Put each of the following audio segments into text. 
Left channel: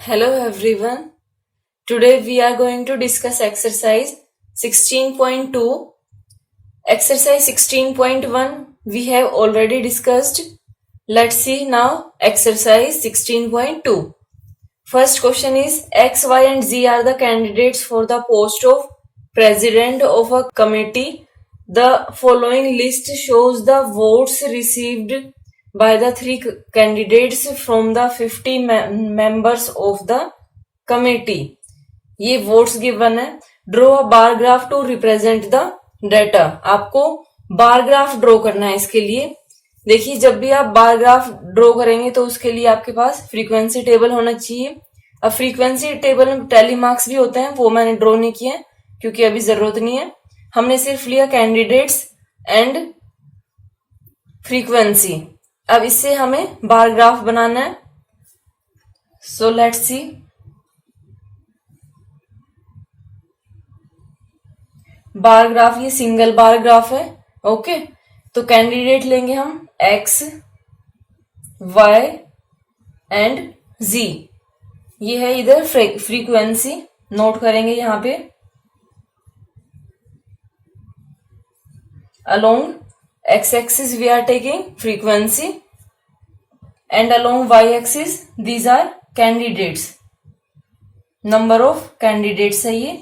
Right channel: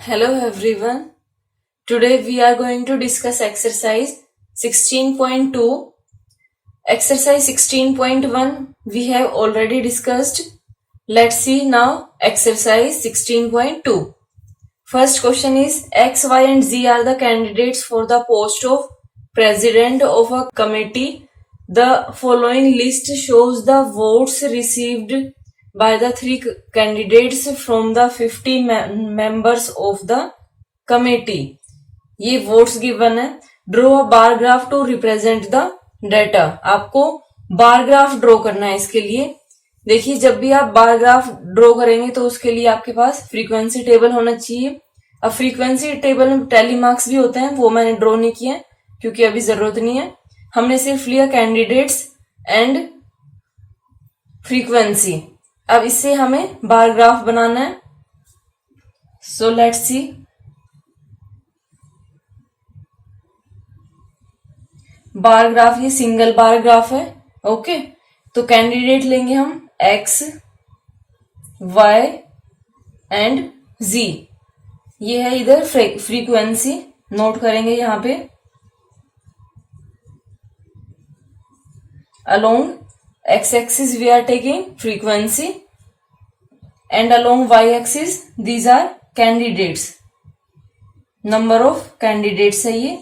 Hello everyone. Today we are going to discuss exercise 16.2. Exercise 16.1 we have already discussed. Let's see now exercise 16.2. First question is X, Y and Z are the candidates for the post of president of a committee. The following list shows the votes received by the three candidates from the 50 members of the committee. ये votes given है. Draw a bar graph to represent the data. आपको bar graph draw करना है. इसके लिए देखिए, जब भी आप बार ग्राफ ड्रॉ करेंगे तो उसके लिए आपके पास फ्रीक्वेंसी टेबल होना चाहिए. अब फ्रीक्वेंसी टेबल में टैली मार्क्स भी होते हैं, वो मैंने ड्रॉ नहीं किए क्योंकि अभी जरूरत नहीं है. हमने सिर्फ लिया कैंडिडेट्स एंड फ्रीक्वेंसी. अब इससे हमें बार ग्राफ बनाना है. So let's see. Bar graph ये सिंगल बार ग्राफ है. ओके, तो कैंडिडेट लेंगे हम एक्स, वाई एंड जी. ये है इधर फ्रीक्वेंसी, नोट करेंगे यहां पे. Along X axis we are taking frequency and along Y axis these are candidates. Number of candidates है ये.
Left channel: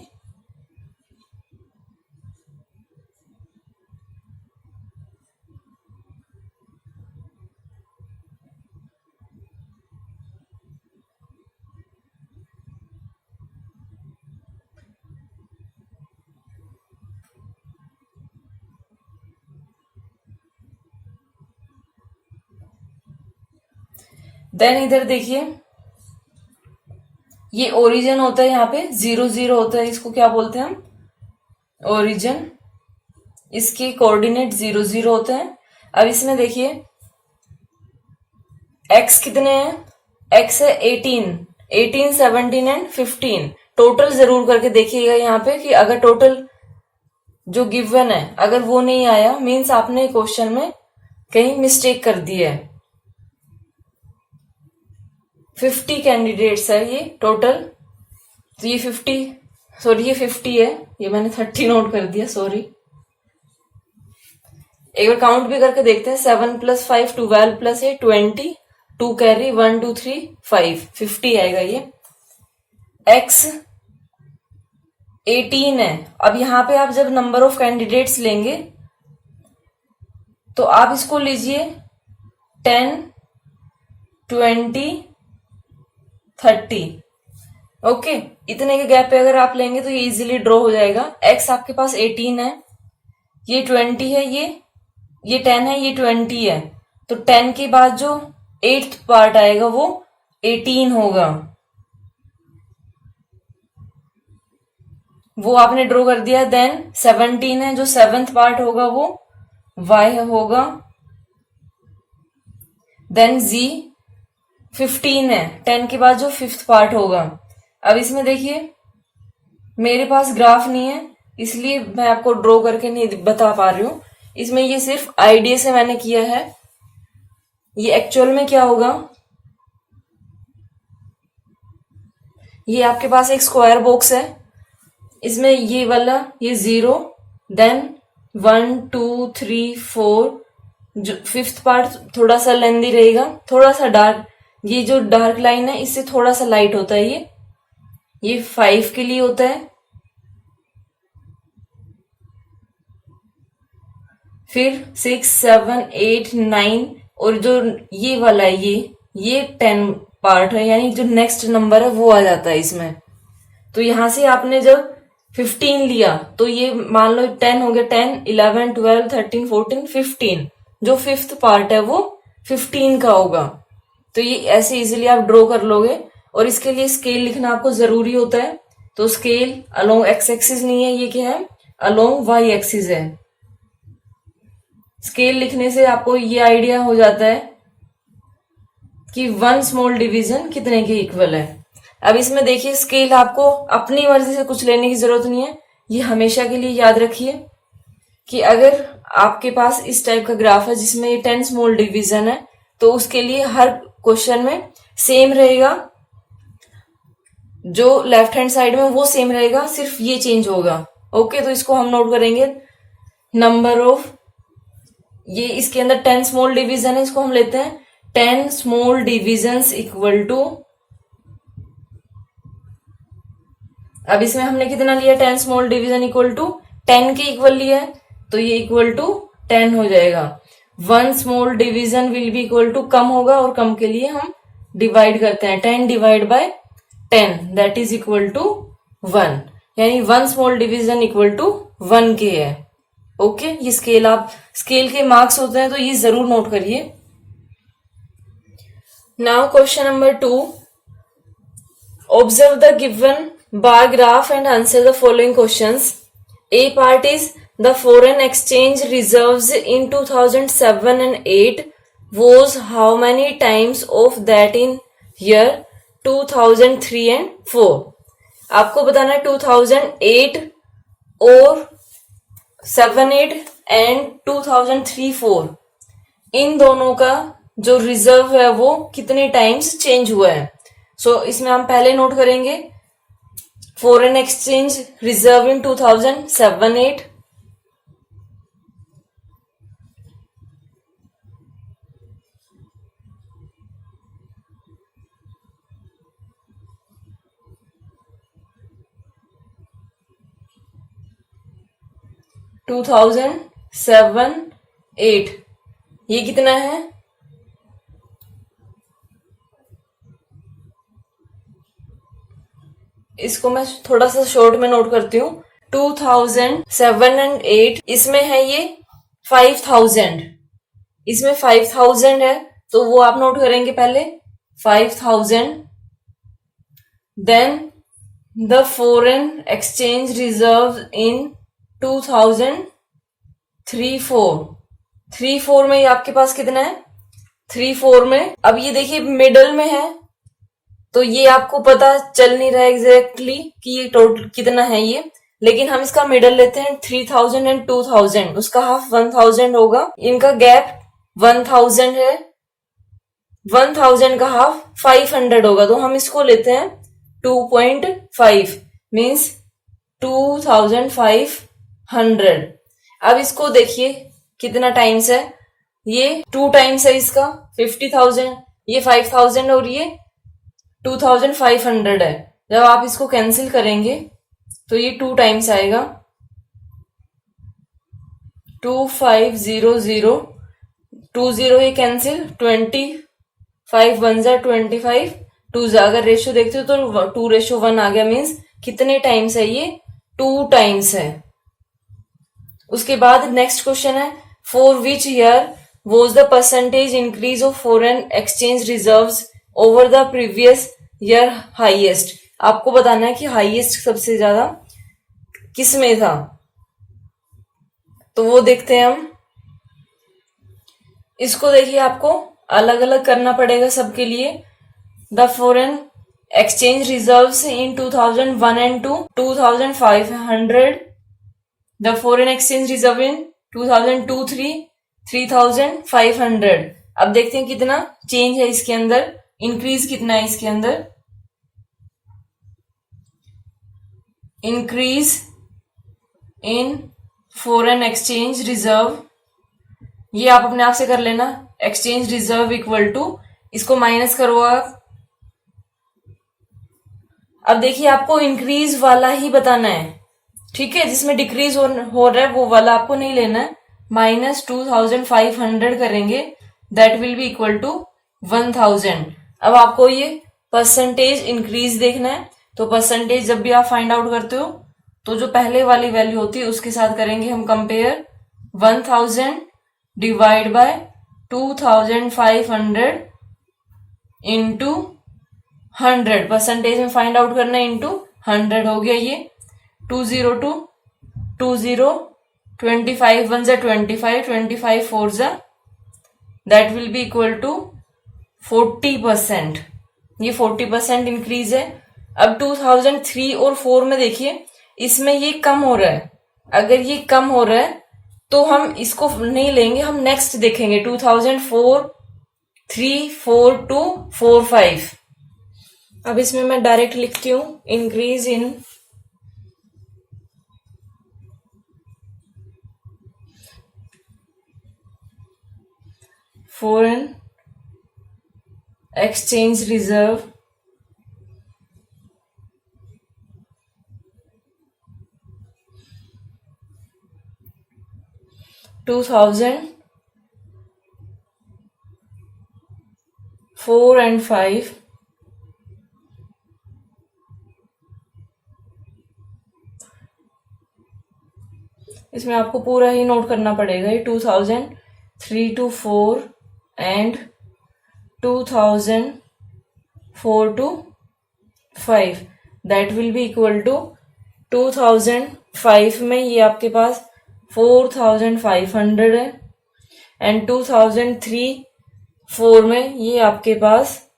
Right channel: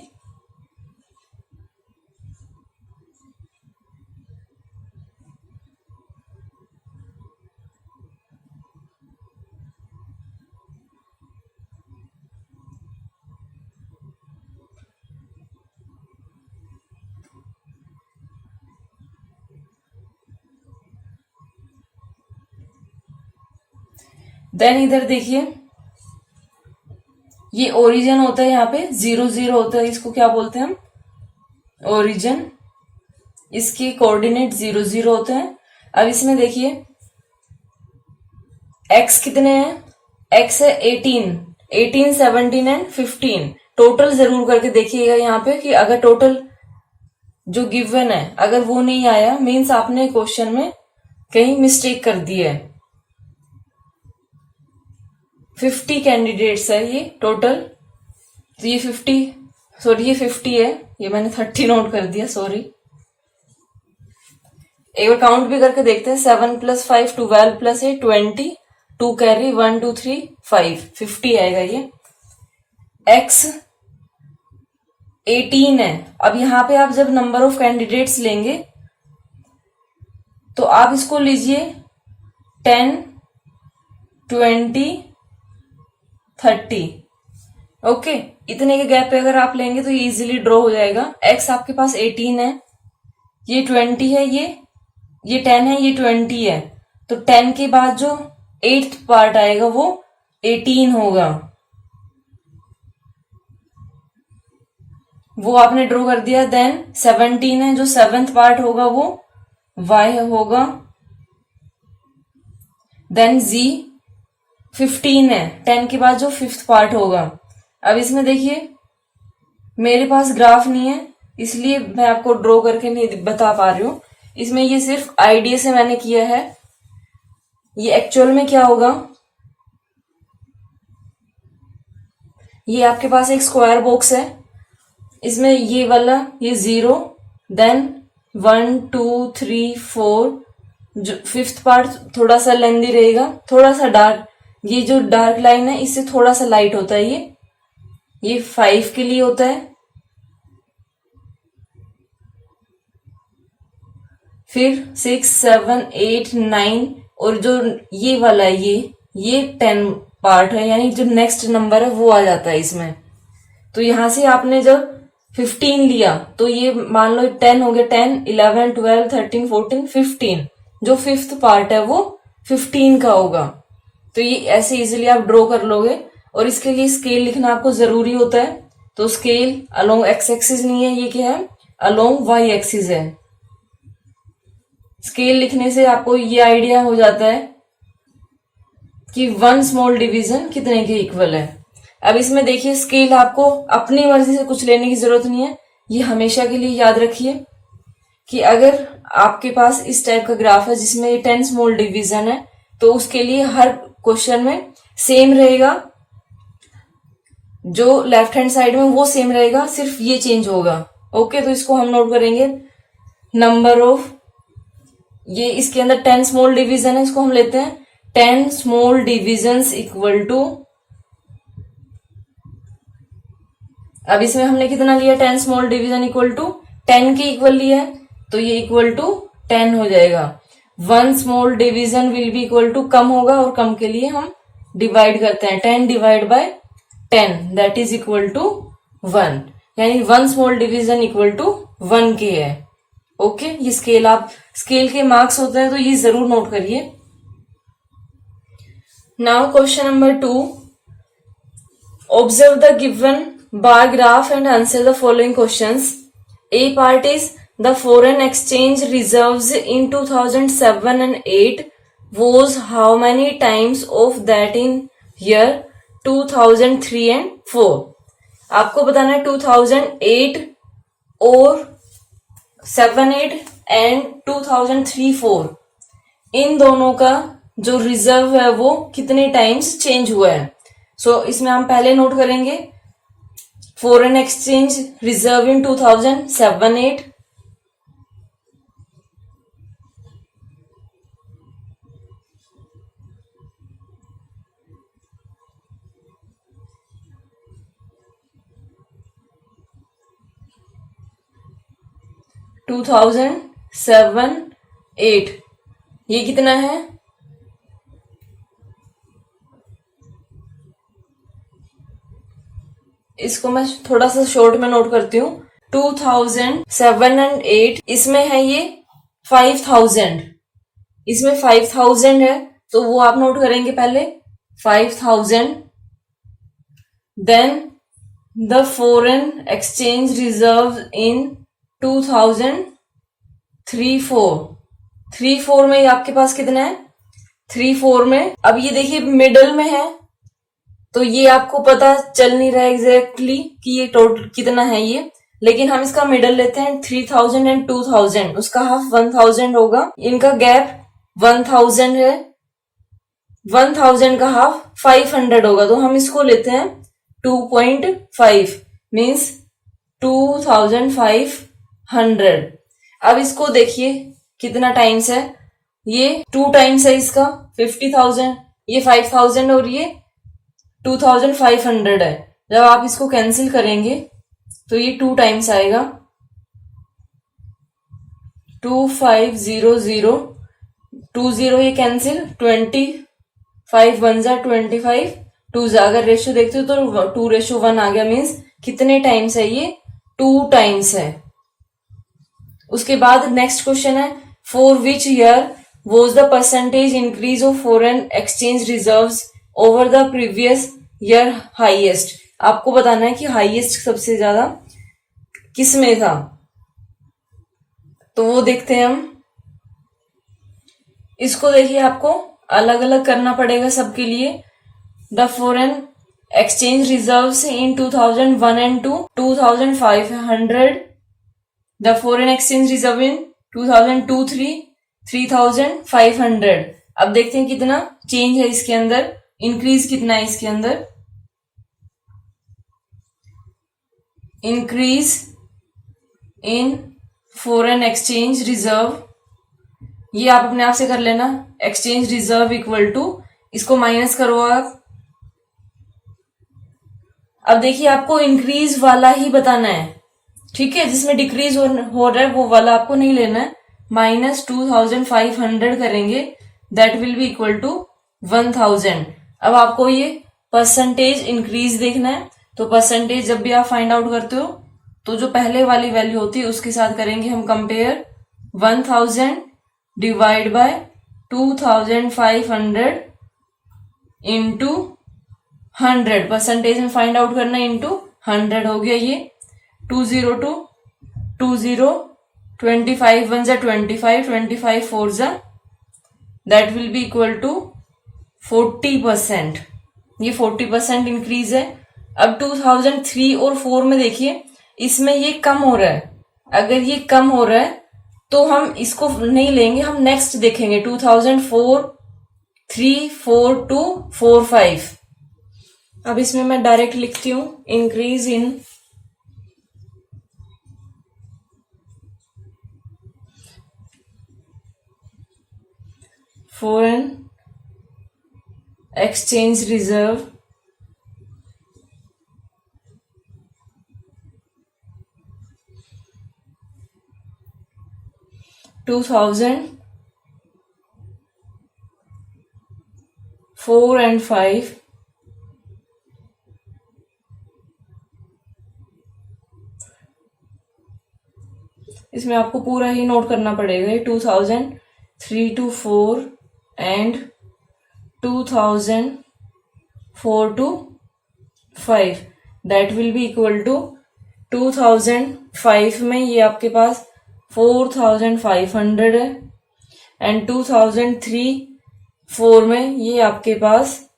देन इधर देखिए, ये ओरिजिन होता है. यहाँ पे 0 0 होता है. इसको क्या बोलते हैं हम? ओरिजिन. इसके कोऑर्डिनेट 0 0 होते हैं. अब इसमें देखिए एक्स कितने हैं? एक्स है 18, 17 एंड 15. टोटल जरूर करके देखिएगा यहाँ पे कि अगर टोटल जो गिवन है अगर वो नहीं आया, मीन्स आपने क्वेश्चन में कहीं मिस्टेक कर दी है. 50 कैंडिडेट्स है ये टोटल. तो ये 50 है. ये मैंने 30 नोट कर दिया, सॉरी. एक बार काउंट भी करके देखते हैं. 7 + 5 12 + 8 20. 2 कैरी 1 2 3 5 50 आएगा ये. एक्स 18 है. अब यहां पे आप जब नंबर ऑफ कैंडिडेट्स लेंगे तो आप इसको लीजिए 10 20 30. ओके, इतने के गैप पे अगर आप लेंगे तो ये इजीली ड्रॉ हो जाएगा. एक्स आपके पास 18 है, ये 20 है, ये 10 है, ये 20 है. तो 10 के बाद जो 8th पार्ट आएगा वो 18 होगा. वो आपने ड्रॉ कर दिया. देन 17 है, जो 7th पार्ट होगा वो y होगा. देन z 15 है, 10 के बाद जो 5th पार्ट होगा. अब इसमें देखिए मेरे पास ग्राफ नहीं है इसलिए मैं आपको ड्रॉ करके नहीं बता पा रही हूं. इसमें ये सिर्फ आइडिया से मैंने किया है. ये एक्चुअल में क्या होगा, ये आपके पास एक स्क्वायर बॉक्स है. इसमें ये वाला ये 0, देन 1 2 3 4. जो 5th पार्ट थोड़ा सा लेंदी रहेगा, थोड़ा सा डार्क. ये जो डार्क लाइन है इससे थोड़ा सा लाइट होता है. ये 5 के लिए होता है. फिर 6 7 8 9 और जो ये वाला है ये 10 पार्ट है, यानी जो नेक्स्ट नंबर है वो आ जाता है इसमें. तो यहां से आपने जब 15 लिया तो ये मान लो 10 हो गया. 10 11 12 13 14 15. जो 5th पार्ट है वो 15 का होगा. तो ये ऐसे इजीली आप ड्रॉ कर लोगे. और इसके लिए स्केल लिखना आपको जरूरी होता है. तो स्केल अलोंग एक्स एक्सिस नहीं है, ये क्या है? अलोंग वाई एक्सिस है. स्केल लिखने से आपको ये आइडिया हो जाता है कि 1 स्मॉल डिवीजन कितने के इक्वल है. अब इसमें देखिए स्केल आपको अपनी मर्जी से कुछ लेने की जरूरत नहीं है. ये हमेशा के लिए याद रखिए कि अगर आपके पास इस टाइप का ग्राफ है जिसमें 10 स्मॉल डिवीजन है तो उसके लिए हर क्वेश्चन में सेम रहेगा. जो लेफ्ट हैंड साइड में वो सेम रहेगा, सिर्फ ये चेंज होगा। ओके, तो इसको हम नोट करेंगे। नंबर ऑफ, ये इसके अंदर 10 स्मॉल डिवीजन है, इसको हम लेते हैं 10 स्मॉल डिविजन्स इक्वल टू, अब इसमें हमने कितना लिया, 10 स्मॉल डिवीजन इक्वल टू 10 के इक्वल लिया है, तो ये इक्वल टू 10 हो जाएगा। 1 small division will be equal to, कम होगा और कम के लिए हम डिवाइड करते हैं, 10 divide by 10 that is equal to 1, यानी 1 स्मॉल डिवीजन इक्वल टू 1 के है। ओके, ये स्केल, आप स्केल के मार्क्स होते हैं तो ये जरूर नोट करिए। Now question number 2, observe the given bar graph and answer the following questions. A part is the foreign exchange reserves in 2007 and 8 was how many times of that in year 2003 and 4. आपको बताना है 2008 और 7-8 and 2003-4 इन दोनों का जो reserve है वो कितने टाइम्स चेंज हुआ है। सो इसमें हम पहले नोट करेंगे फॉरेन एक्सचेंज रिजर्व इन 2007-8, 2007-8 ये कितना है, इसको मैं थोड़ा सा शॉर्ट में नोट करती हूँ। 2007 एंड 8 इसमें है ये 5000, इसमें 5000 है तो वो आप नोट करेंगे पहले 5000, then the foreign exchange reserve in 2003-4 में ये आपके पास कितना है, 3-4 में, अब ये देखिए मिडल में है तो ये आपको पता चल नहीं रहा है एग्जैक्टली कि ये टोटल कितना है ये, लेकिन हम इसका मिडल लेते हैं 3000 एंड 2000, उसका हाफ 1000 होगा, इनका गैप 1000 है, 1000 का हाफ 500 होगा, तो हम इसको लेते हैं 2.5 मीन्स 2500। अब इसको देखिए कितना टाइम्स है, ये 2 टाइम्स है इसका 50,000, ये 5000 और ये 2500 है। जब आप इसको कैंसिल करेंगे तो ये 2 टाइम्स आएगा, 2500, 20 ये कैंसिल, 25 1 जा 25, 2 जा, अगर रेशियो देखते हो तो 2:1 आ गया, मीन्स कितने टाइम्स है ये, 2 टाइम्स है। उसके बाद नेक्स्ट क्वेश्चन है, for which year was the percentage increase of foreign exchange reserves over the previous year highest. आपको बताना है कि हाईएस्ट सबसे ज्यादा किस में था, तो वो देखते हैं हम। इसको देखिए आपको अलग अलग करना पड़ेगा सबके लिए। The foreign exchange reserves in 2001 and 2 2500, the foreign exchange reserve इन 2002-3 3500। अब देखते हैं कितना चेंज है इसके अंदर, इंक्रीज कितना है इसके अंदर, increase in foreign exchange reserve, ये आप अपने आप से कर लेना, एक्सचेंज रिजर्व इक्वल टू, इसको माइनस करो आप। अब देखिए आपको इंक्रीज वाला ही बताना है, ठीक है, जिसमें डिक्रीज हो रहा है वो वाला आपको नहीं लेना है। -2500 करेंगे, that will be equal to 1000। अब आपको ये परसेंटेज इंक्रीज देखना है, तो परसेंटेज जब भी आप फाइंड आउट करते हो तो जो पहले वाली वैल्यू होती है उसके साथ करेंगे हम compare, 1000 divide by 2500 into 100, percentage में फाइंड आउट करना है, इंटू 100 हो गया ये, 202 20, 25 1 जा 25, 25 4 जा, that will be equal to 40%। ये 40% इंक्रीज है। अब 2003 और 4 में देखिए इसमें ये कम हो रहा है, अगर ये कम हो रहा है तो हम इसको नहीं लेंगे, हम नेक्स्ट देखेंगे 2004, 3, 4 2, 4 5। अब इसमें मैं डायरेक्ट लिखती हूं, increase in foreign exchange reserve (2004 and 5) इसमें आपको पूरा ही नोट करना पड़ेगा। 2003 to 4 and 2004 to 5 that will be equal to 2005 में ये आपके पास 4500 है एंड 2003-4 में ये आपके पास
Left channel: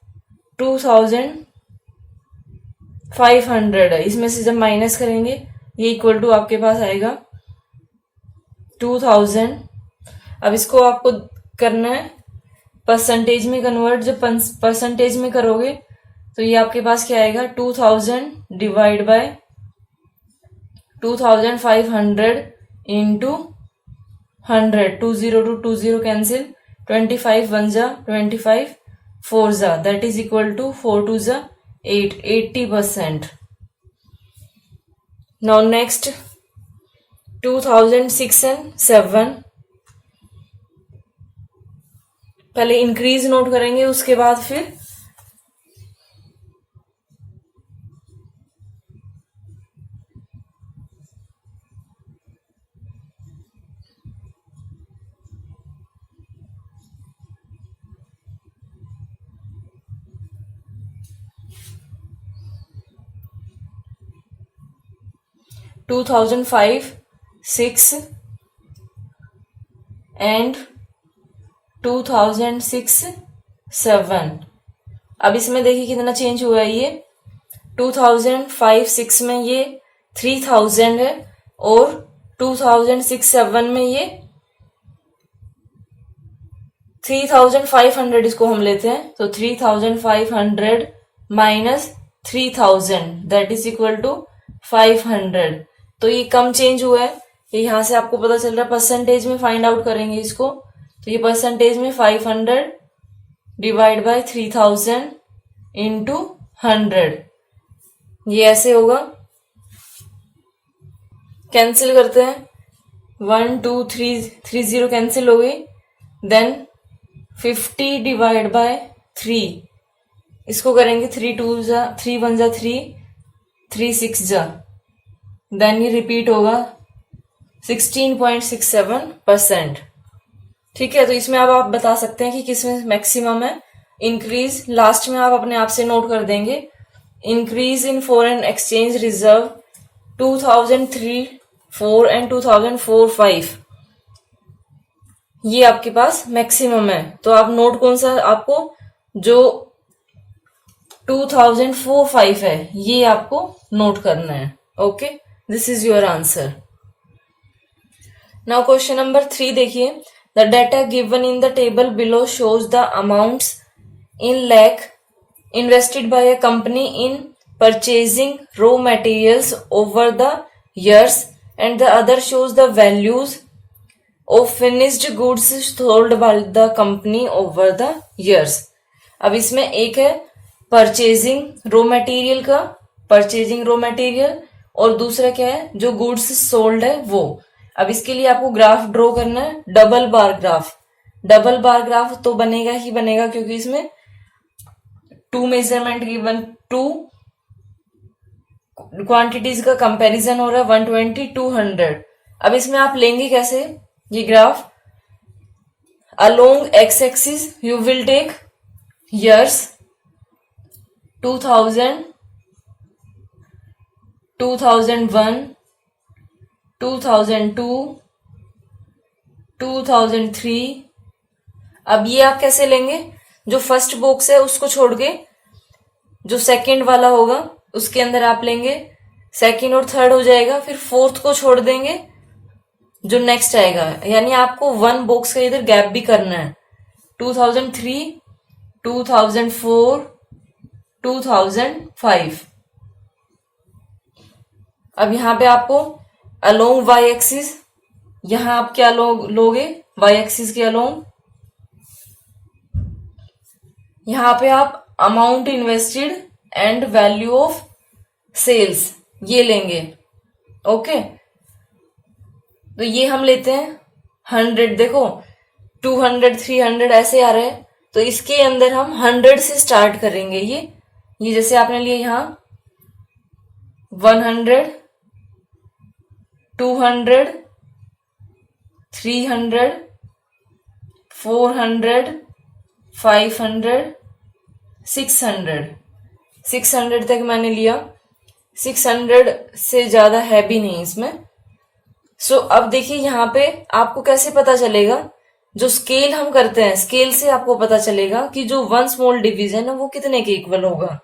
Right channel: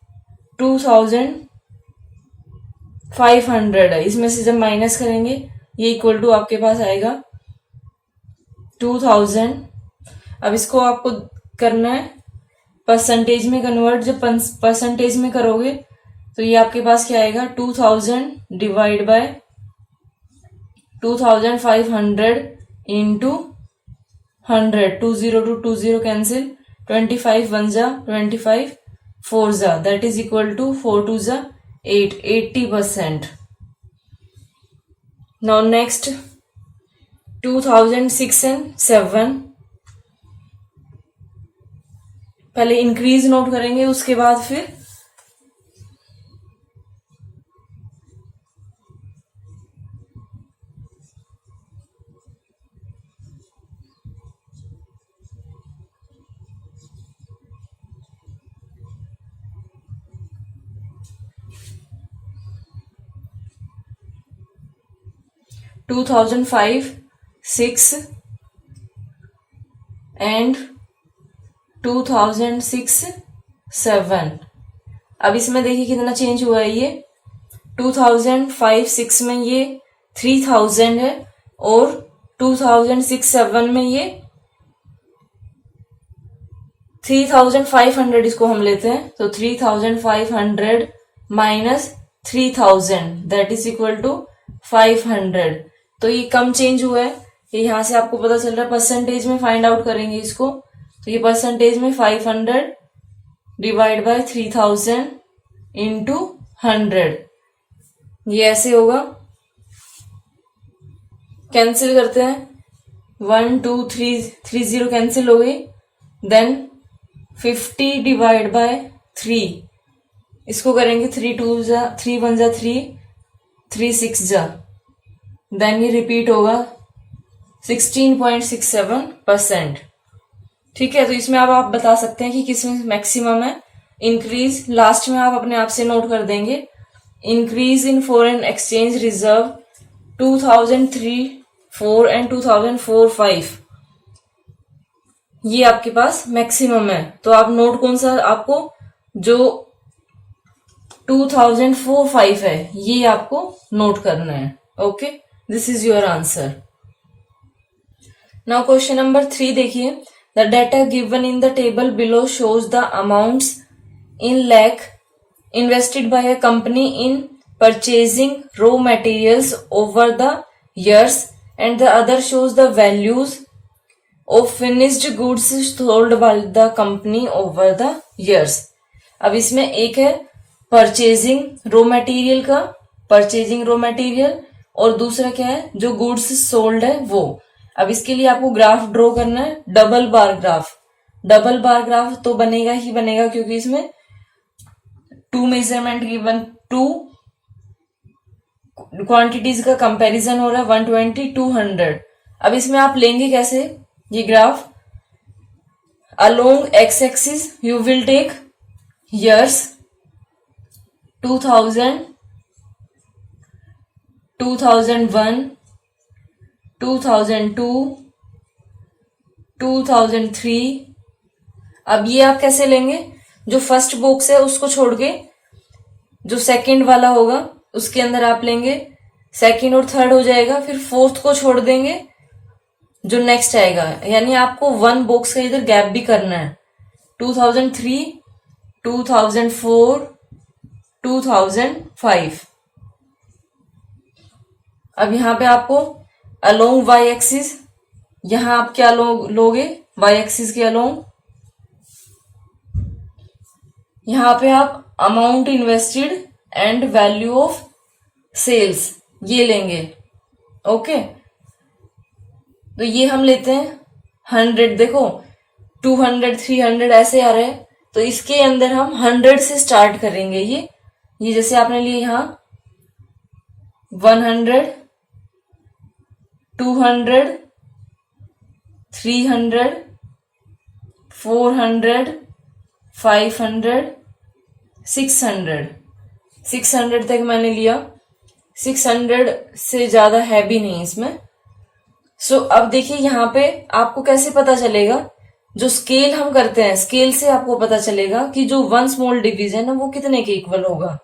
2500 है। इसमें से जब माइनस करेंगे ये इक्वल टू आपके पास आएगा 2000। अब इसको आपको करना है परसेंटेज में कन्वर्ट। जब परसेंटेज में करोगे तो ये आपके पास क्या आएगा, 2000 divide by 2500 into 100। 20 to 20 cancel, 25 1 जा 25 4 जा, दैट इज इक्वल टू 4 2 जा 8, 80%। नाउ नेक्स्ट 2006 and 7, पहले इंक्रीज नोट करेंगे उसके बाद फिर 2005, 6 एंड 2006, 7। अब इसमें देखिए कितना चेंज हुआ है। ये 2005-6 में ये 3000 है और 2006-7 में ये 3500। इसको हम लेते हैं तो 3500 minus 3000 that is equal to 500। तो ये कम चेंज हुआ है, ये यहां से आपको पता चल रहा है। परसेंटेज में फाइंड आउट करेंगे इसको तो ये परसेंटेज में 500 डिवाइड बाय 3000 इंटू 100, ये ऐसे होगा। कैंसिल करते हैं, 1 2 3 30 कैंसिल हो गई। देन 50 डिवाइड बाय 3, इसको करेंगे 3 2 जा 3 1 जा 3 3 6 जा, देन ये रिपीट होगा 16.67%। ठीक है, तो इसमें अब आप बता सकते हैं कि किसमें मैक्सिमम है। इंक्रीज लास्ट में आप अपने आप से नोट कर देंगे। Increase in foreign exchange reserve 2003-4 and 2004-5, ये आपके पास मैक्सिमम है। तो आप नोट कौन सा, आपको जो 2004-5 है ये आपको नोट करना है। Okay, this is your answer. Now question number 3 देखिए। The data given in the table below shows the amounts in lakh invested by a company in purchasing raw materials over the years and the other shows the values of finished goods sold by the company over the years। अब इसमें एक है purchasing raw material का, purchasing raw material, और दूसरा क्या है जो गुड्स सोल्ड है वो। अब इसके लिए आपको ग्राफ ड्रॉ करना है, double bar graph. Double bar graph तो बनेगा ही बनेगा क्योंकि इसमें 2 मेजरमेंट गिवन, 2 क्वांटिटीज का कंपैरिजन हो रहा है, 120 200। अब इसमें आप लेंगे कैसे ये graph, along X axis you will take years 2000, 2001, 2002, 2003। अब ये आप कैसे लेंगे, जो फर्स्ट बॉक्स है उसको छोड़ के जो सेकंड वाला होगा उसके अंदर आप लेंगे, सेकंड और थर्ड हो जाएगा, फिर फोर्थ को छोड़ देंगे जो नेक्स्ट आएगा। यानी आपको 1 बॉक्स का इधर गैप भी करना है। 2003, 2004, 2005। अब यहाँ पे आपको अलोंग वाई एक्सिस, यहां आप क्या लोगे वाई एक्सिस के अलोंग, यहां पे आप amount invested and value of sales ये लेंगे। ओके, तो ये हम लेते हैं 100। देखो 200 300 ऐसे आ रहे हैं, तो इसके अंदर हम 100 से स्टार्ट करेंगे। ये जैसे आपने लिए यहां 100 200 300 400 500 600 तक मैंने लिया। 600 से ज्यादा है भी नहीं इसमें। सो अब देखिए यहाँ पे आपको कैसे पता चलेगा, जो स्केल हम करते हैं स्केल से आपको पता चलेगा कि जो वन स्मॉल डिवीजन है वो कितने के इक्वल होगा।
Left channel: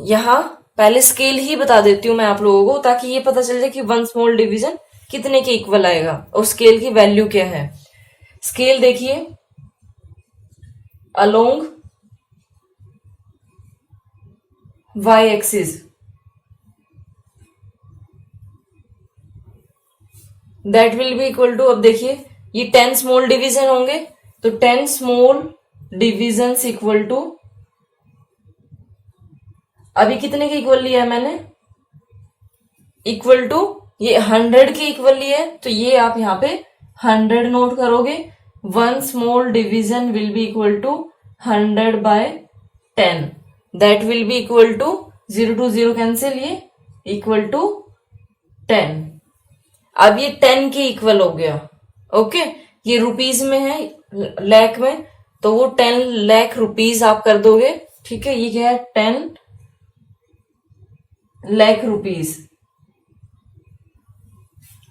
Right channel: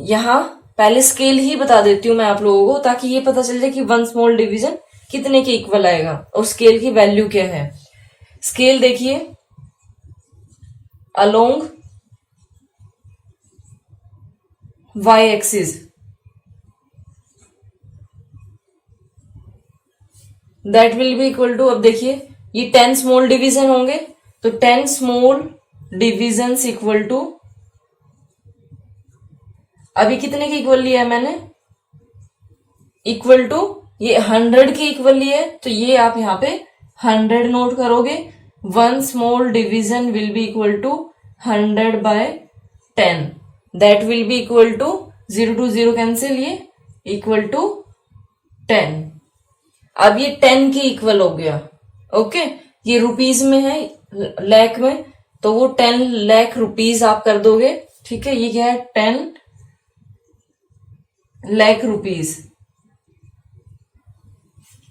यहाँ पहले स्केल ही बता देती हूँ मैं आप लोगों को, ताकि ये पता चल जाए कि वन स्मॉल डिवीजन कितने के इक्वल आएगा और स्केल की वैल्यू क्या है। स्केल देखिए, along Y axis that will be equal to, अब देखिए ये 10 स्मॉल डिवीजन होंगे, तो 10 स्मॉल डिवीजन इक्वल टू, अभी कितने के इक्वल लिया है मैंने, इक्वल टू ये 100 के इक्वल लिया है, तो ये आप यहाँ पे 100 नोट करोगे। One small division will be equal to 100 by 10, that will be equal to 0 to 0 cancel, ये इक्वल टू 10। अब ये 10 के इक्वल हो गया। ओके, ये रुपीज में है लाख में, तो वो 10 लाख रुपीज आप कर दोगे। ठीक है, ये क्या है 10 लाख रुपीज,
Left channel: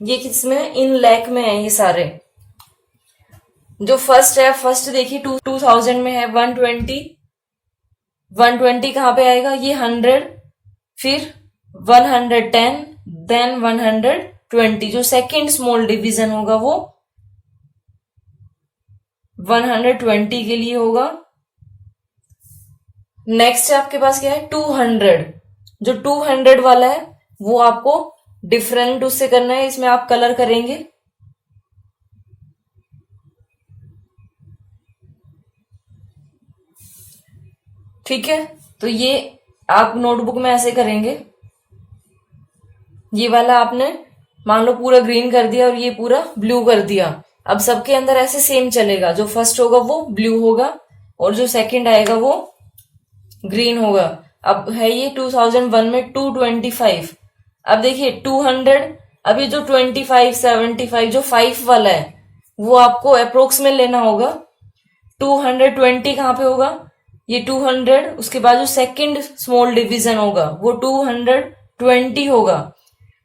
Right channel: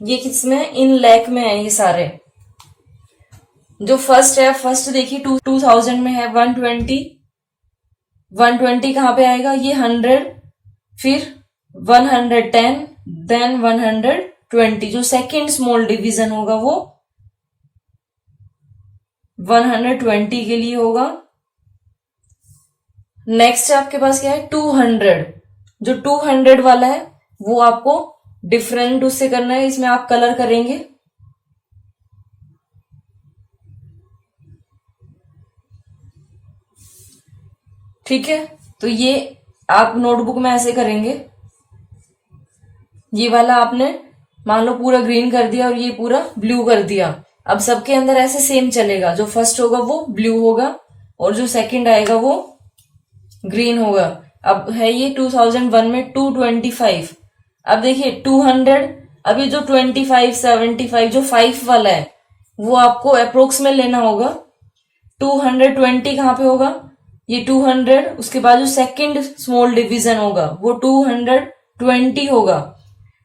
ये किस में, इन लाख में है ये सारे। जो फर्स्ट है, फर्स्ट देखिए 2000 में है 120 कहां पे आएगा, ये 100 फिर 110 देन 120। जो सेकंड स्मॉल डिवीजन होगा वो 120 के लिए होगा। नेक्स्ट आपके पास क्या है 200। जो 200 वाला है वो आपको डिफरेंट उससे करना है, इसमें आप कलर करेंगे। ठीक है, तो ये आप नोटबुक में ऐसे करेंगे। ये वाला आपने मान लो पूरा ग्रीन कर दिया और ये पूरा ब्लू कर दिया। अब सबके अंदर ऐसे सेम चलेगा, जो फर्स्ट होगा वो ब्लू होगा और जो सेकंड आएगा वो ग्रीन होगा। अब है ये 2001 में 225। अब देखिए 200, अभी जो 25 75 जो 5 वाला है वो आपको अप्रोक्स में लेना होगा। 220 कहां पे होगा, ये 200, उसके बाद जो सेकंड स्मॉल डिवीजन होगा वो 220 होगा।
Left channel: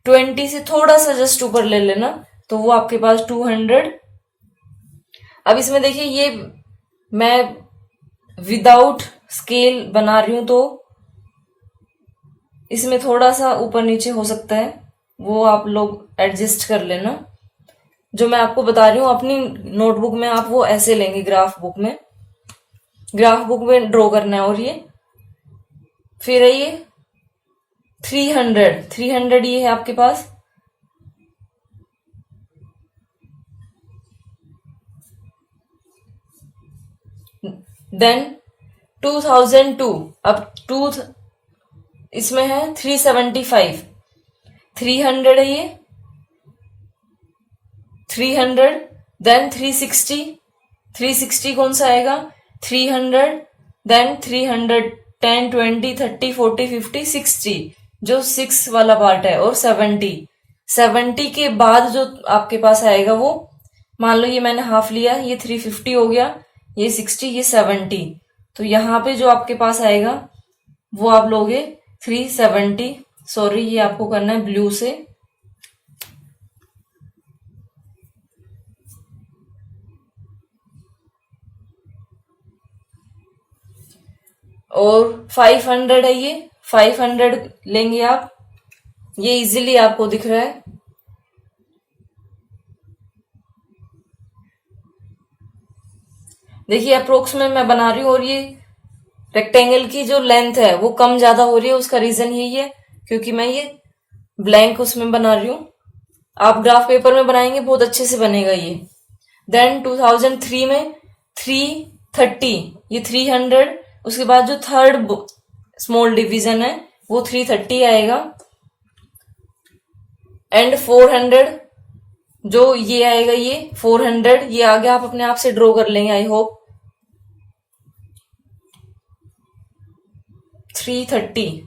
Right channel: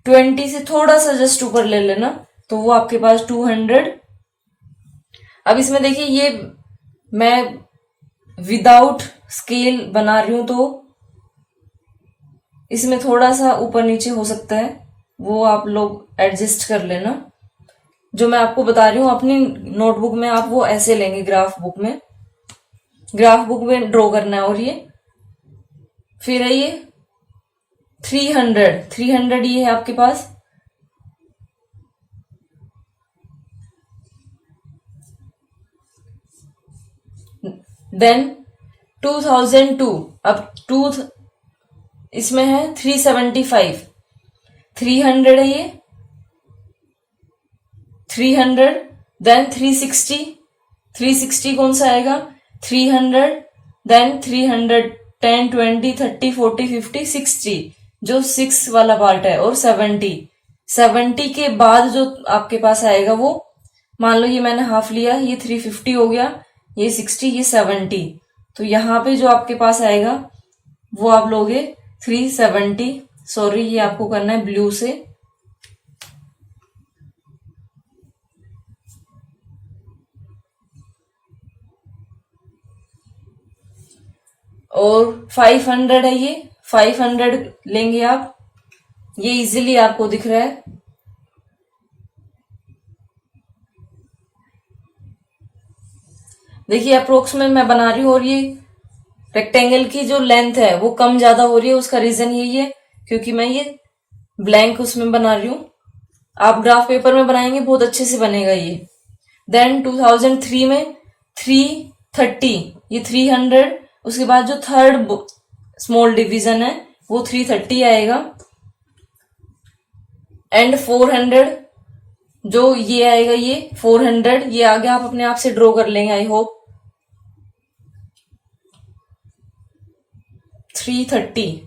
20 से थोड़ा सा जस्ट ऊपर ले लेना, तो वो आपके पास 200। अब इसमें देखिए ये मैं विदाउट स्केल बना रही हूं, तो इसमें थोड़ा सा ऊपर नीचे हो सकता है, वो आप लोग एडजस्ट कर लेना। जो मैं आपको बता रही हूं अपनी नोटबुक में आप वो ऐसे लेंगे, ग्राफ बुक में ड्रॉ करना है। और ये फिर है ये 300 ये है आपके पास। देन 2002, अब इसमें है 375, 300 है ये 300। देन 360 कौन सा आएगा, 300 देन 300 10 20 30 40 50 60 जो 6 वाला पार्ट है, और 70 के बाद जो आपके पास आएगा वो, मान लो ये मैंने हाफ लिया, ये 350 हो गया, ये 60 ये 70। तो यहाँ पे जो आपके पास आएगा वो आप लोगे 370। सॉरी, ये आपको करना है ब्लू से। और 500 है ये 500 लेंगे आप, ये इजीली आपको दिख रहा है। देखिए अप्रोक्स में मैं बना रही हूं, और ये रेक्टेंगल की जो लेंथ है वो कम ज्यादा हो रही है, उसका रीजन यही है क्योंकि मैं ये ब्लैंक उसमें बना रही हूं। आप ग्राफ पेपर में बनाएंगे बहुत अच्छे से बनेगा ये। देन 2003 में 330, ये 300, उसके बाद जो थर्ड स्मॉल डिवीजन है वो 330 आएगा। एंड 400, जो ये आएगा ये 400, ये आगे आप अपने आप से ड्रॉ कर लेंगे आई होप। 330,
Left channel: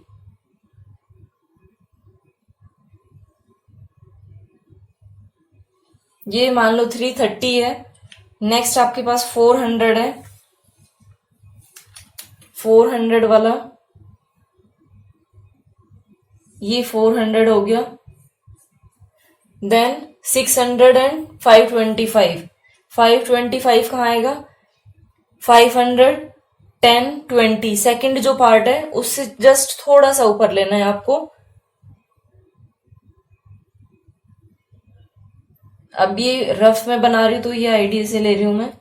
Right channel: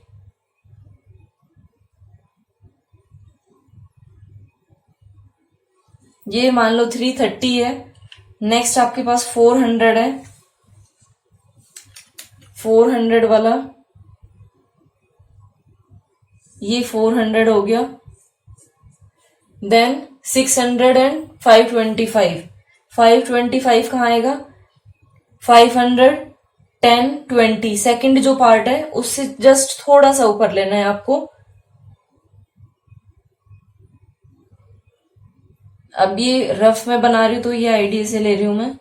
ये मान लो 330 है। नेक्स्ट आपके पास 400 है, 400 वाला, ये 400 हो गया। देन 600 एंड 525, 525 कहाँ आएगा, 500, 10, 20, सेकंड जो पार्ट है उससे जस्ट थोड़ा सा ऊपर लेना है आपको। अब ये रफ में बना रही हूं तो ये आईडिया से ले रही हूं मैं।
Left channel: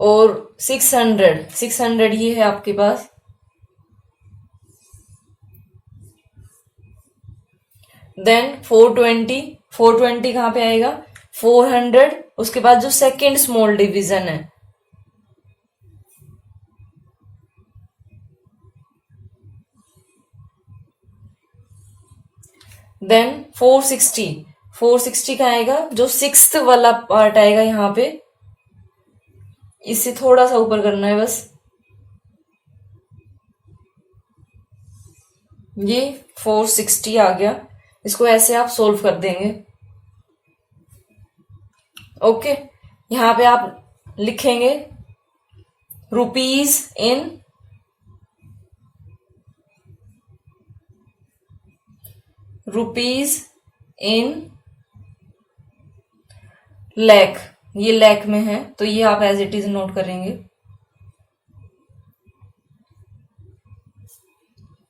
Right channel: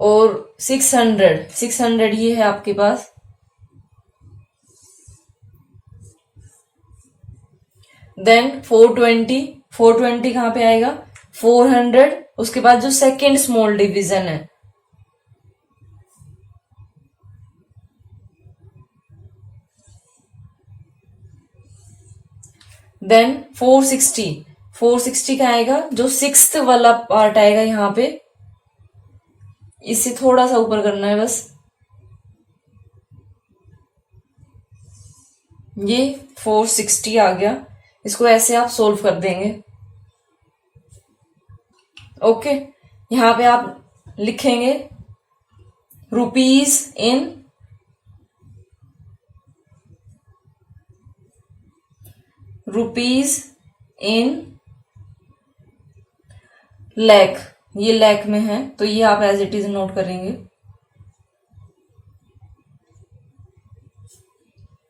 और 600 ये है आपके पास। देन 420 कहां पे आएगा, 400, उसके बाद जो सेकेंड स्मॉल डिवीजन है देन 460 का आएगा, जो सिक्स्थ वाला पार्ट आएगा यहाँ पे, इससे थोड़ा सा ऊपर करना है बस। ये 460 आ गया, इसको ऐसे आप सोल्व कर देंगे। ओके, यहाँ पे आप लिखेंगे रुपीज इन लैख, ये लैख में है तो ये आप एज इट इज नोट करेंगे।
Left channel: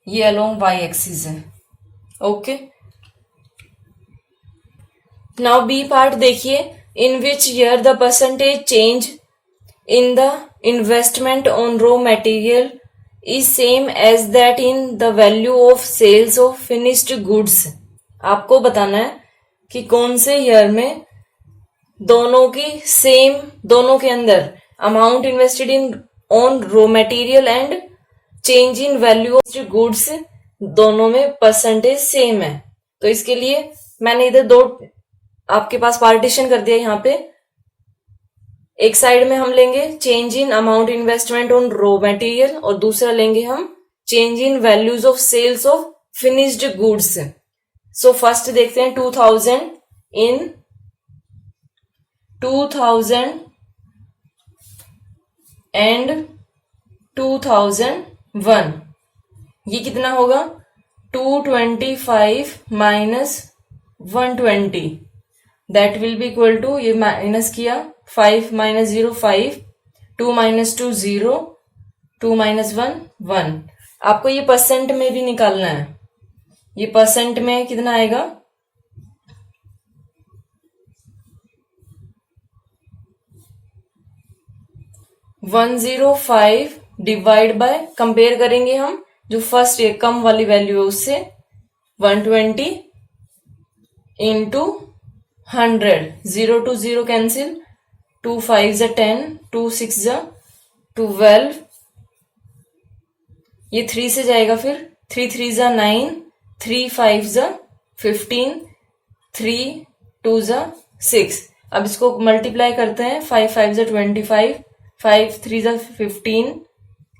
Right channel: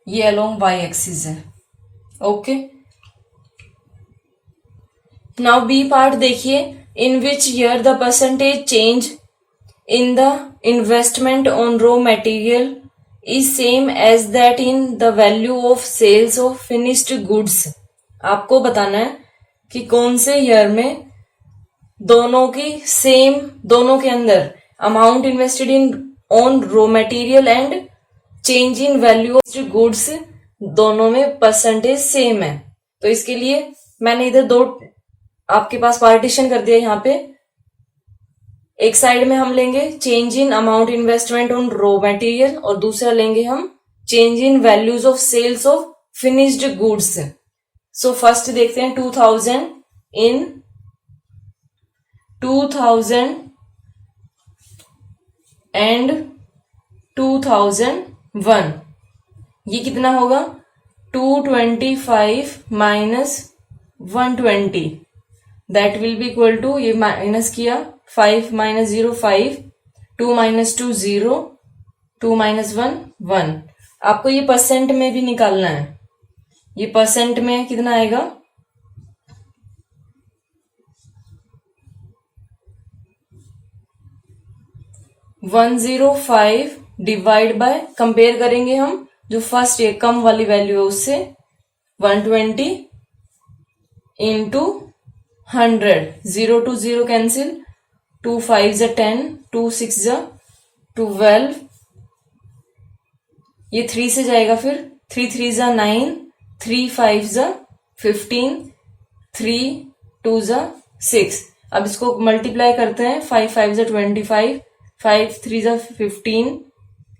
ये अलोंग वाई एक्सिस है। ओके, नाउ बी पार्ट देखिए, in which year the percentage change in the investment on raw material is same as that in the value of sales of finished goods. आपको बताना है कि कौन से year में दोनों के अंदर amount invested in on raw material and change in value of goods दोनों में परसेंटेज सेम है। तो इसके लिए मैंने इधर दो आपके पास पार्टीशन कर दिया। यहाँ पे एक साइड में हम लेंगे change in amount investment on raw material और दूसरा लेंगे हम change in values of sales of finished goods. So first देखते हैं 2000 एंड 2001, ये कितना होगा 225 minus 120, that will be equal to, ये माइनस किया 5 माइनस 0 5, 2 माइनस 2 0, 2 माइनस 1 1। आपको ये परसेंट में भी निकालना है, ये परसेंट में कितना आएगा 105 डिवाइड बाय, कंपेयर करेंगे हम जो फर्स्ट ये कम वाली वैल्यू है उससे, 120 इंटू 100, 0 to 0 कैंसिल, 2 5 जा 10, 2 6 जा 12, ये 3 से जाएगा, फिर 3 3 जा 9, 3 5 जा 15, 3 2 जा 6। अब इसको मल्टीप्लाई करते हैं, 5 5 जा 25, 5 3 जा 15,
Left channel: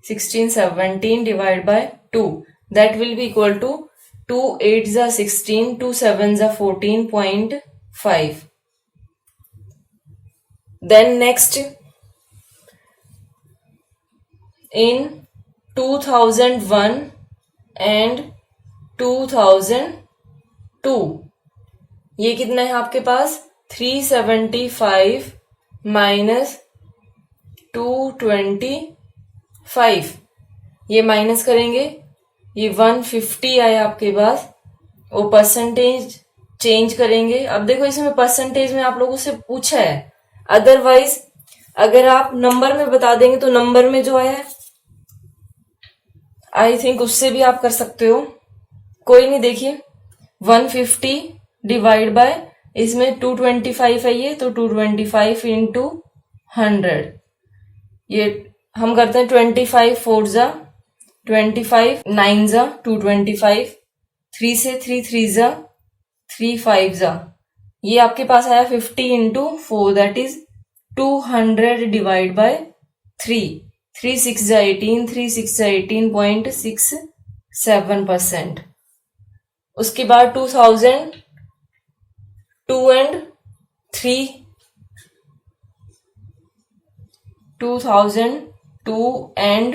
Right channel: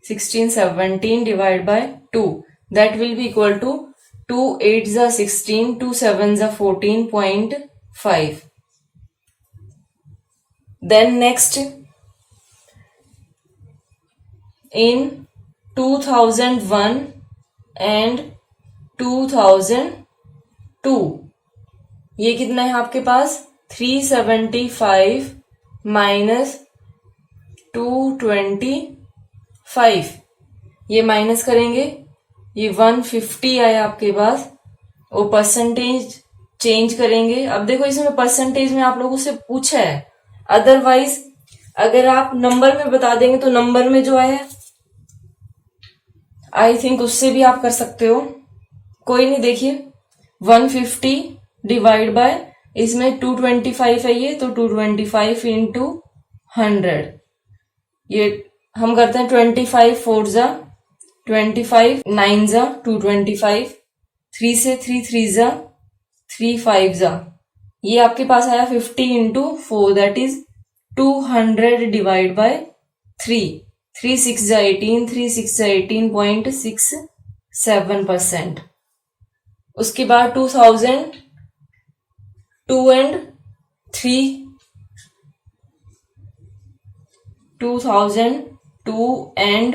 16 17 divide by 2, that will be equal to 2 8 जा 16, 2 7 जा 14.5। Then next in 2001 and 2002, ये कितना है आपके पास 375 माइनस 225, ये माइनस करेंगे, ये 150 आया आपके पास, और परसेंटेज चेंज करेंगे। अब देखो इसमें परसेंटेज में आप लोगों से पूछा है, अदरवाइज अगर आप नंबर में बता देंगे तो नंबर में जो आया आई थिंक उससे भी आप कर सकते हो, कोई नहीं। देखिए 150 डिवाइड बाय, इसमें 225 है ये, तो 225 इंटू 100, ये हम करते हैं 25 4 जा 25, 9 जा 225, 3 से 3 3 जा 3 5 जा, ये आपके पास आया 50 into 4, that is 200 divide bye 3, 3 6 जा 18, 3 6 जा 18.67%। उसके बाद 2002 एंड 3, 2002 एंड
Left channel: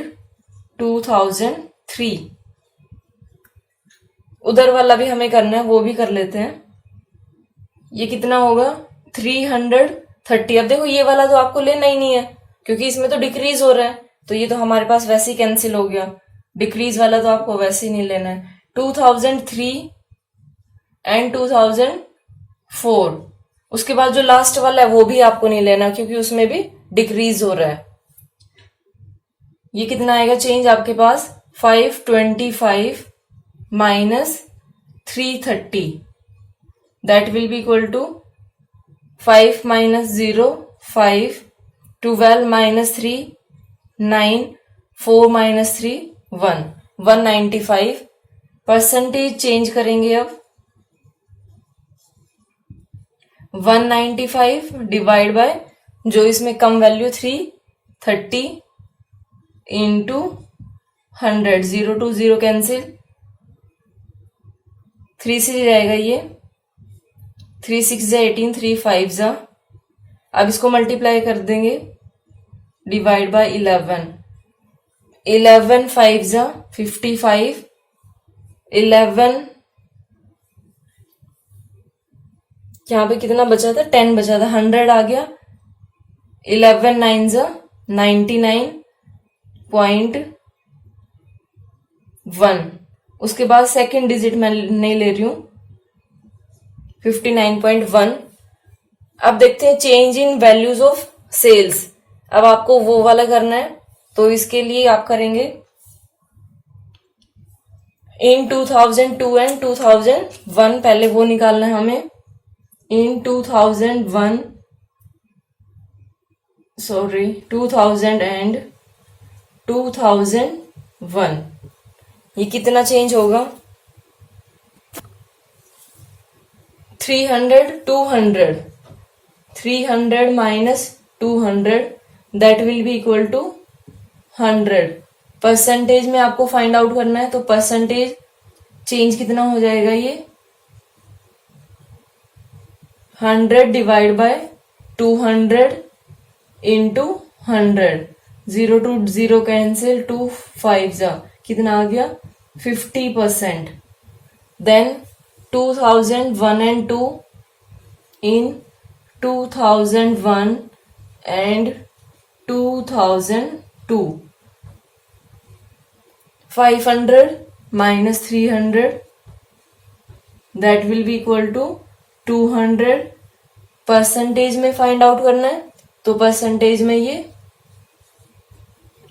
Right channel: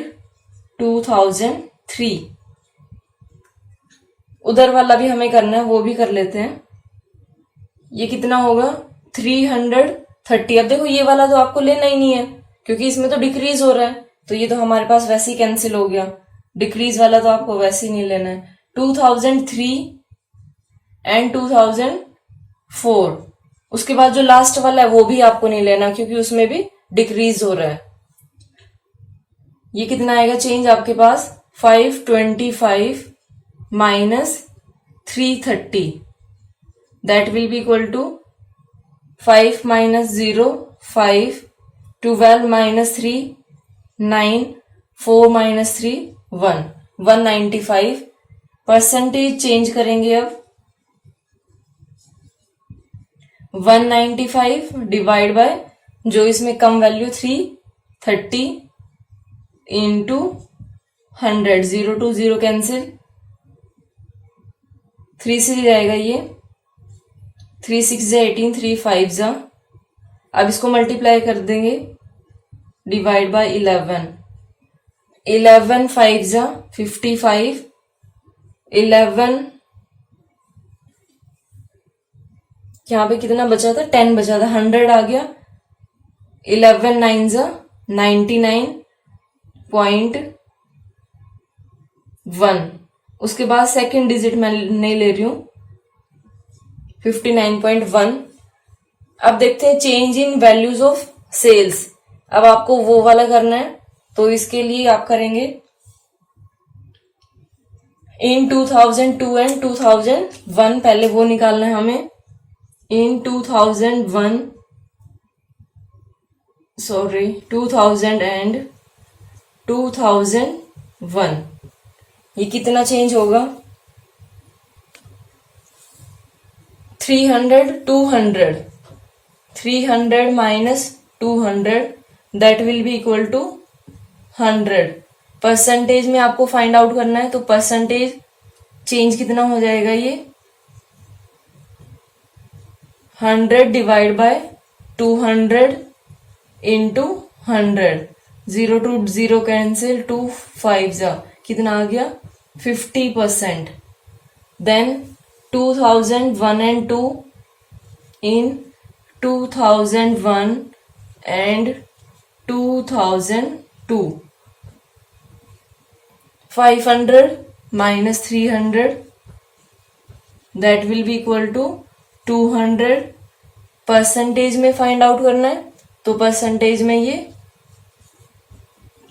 2003, उधर वाला भी हमें करना है, वो भी कर लेते हैं। ये कितना होगा 330। अब देखो ये वाला तो आपको लेना ही नहीं है क्योंकि इसमें तो डिक्रीज हो रहा है, तो ये तो हमारे पास वैसे ही कैंसिल हो गया। डिक्रीज वाला तो आपको वैसे ही नहीं लेना है। 2003 एंड 2004, उसके बाद जो लास्ट वाला है वो भी आपको नहीं लेना क्योंकि उसमें भी डिक्रीज हो रहा है। ये कितना आएगा चेंज आपके पास 525 minus 330, that will be equal to 5 minus 0 5, 12 minus 3 9, 4 minus 3 1, 195। Percentage change करेंगे अब 195 डिवाइड बाय, जो इसमें कम वैल्यू 330 इंटू 100, 0 to 0 कैंसिल, 3 से जाएगा ये, 3 6 जा 18, 3 5 जा, अब इसको मल्टीप्लाई कर देंगे डिवाइड बाय 11, 11 5 जा 55, 11 यहाँ पे कितना बचा था 10 बचा था, 100 आ गया, 11 9 जा 99.1। उसके बाद सेकंड डिजिट मैं नहीं ले रही हूं 59.1। अब देखते हैं change in values of sales. अब आपको वो वाला करना है तो इसके लिए आप करेंगे इन 2002 एंड 2001, पहले वो निकालना है हमें। इन 2001 सॉरी 2000 एंड 2001, ये कितना चेंज होगा 300 200, 300 minus 200, that will be equal to 100। Percentage में आपको फाइंड आउट करना है तो परसेंटेज चेंज कितना हो जाएगा ये 100 divide by 200 into 100, 0 to 0 cancel, 2 5 जा कितना आ गया 50%। Then 2001 and 2, in 2001 and 2002, 500 minus 300, that will be equal to 200। Percentage में फाइंड आउट करना है तो परसेंटेज में ये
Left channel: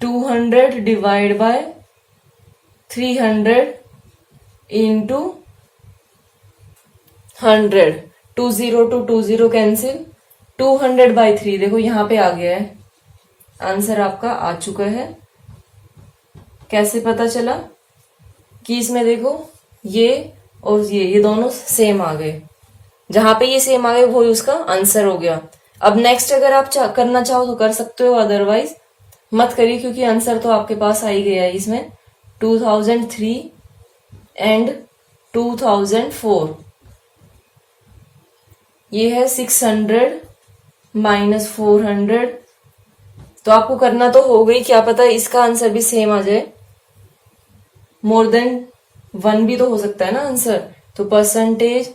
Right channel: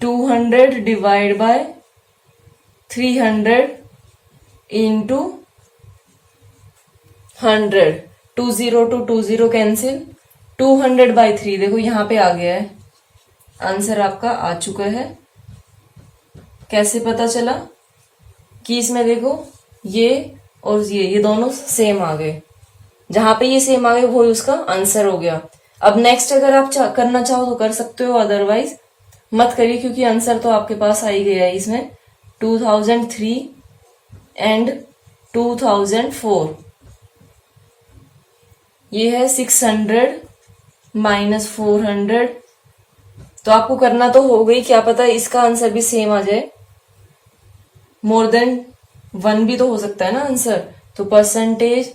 200 divide by 300 into 100, 20 to 20 cancel, 200 by 3, देखो यहां पे आ गया है, आंसर आपका आ चुका है। कैसे पता चला कि इसमें देखो ये और ये दोनों सेम आ गए, जहां पे ये सेम आ गए वो उसका आंसर हो गया। अब नेक्स्ट अगर आप करना चाहो तो कर सकते हो, अदरवाइज मत करिए क्योंकि आंसर तो आपके पास आ ही गया है इसमें। 2003 एंड 2004, ये है 600 माइनस 400, तो आपको करना तो हो गई, क्या पता इसका आंसर भी सेम आ जाए, मोर देन 1 भी तो हो सकता है ना आंसर। तो percentage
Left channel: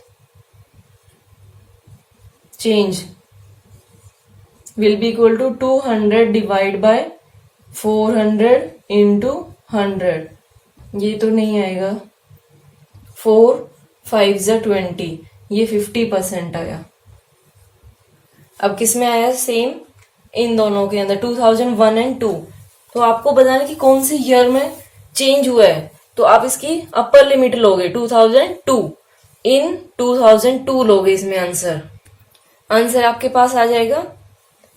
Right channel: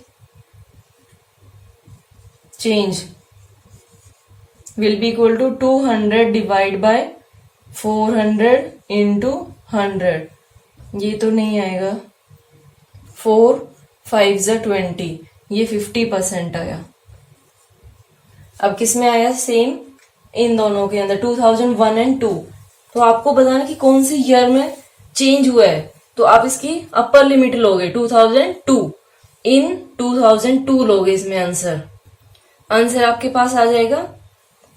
change will be equal to 200 divide by 400 into 100, ये तो नहीं आएगा, 4 5 जा 20, ये 50% आया। अब किस में आया सेम, इन दोनों के अंदर 2001 एंड 2। तो आपको बताना कि कौन सी ईयर में चेंज हुआ है, तो आप इसकी अपर लिमिट लोगे 2002, इन 2002 लोगे इसमें आंसर आपके पास आ जाएगा।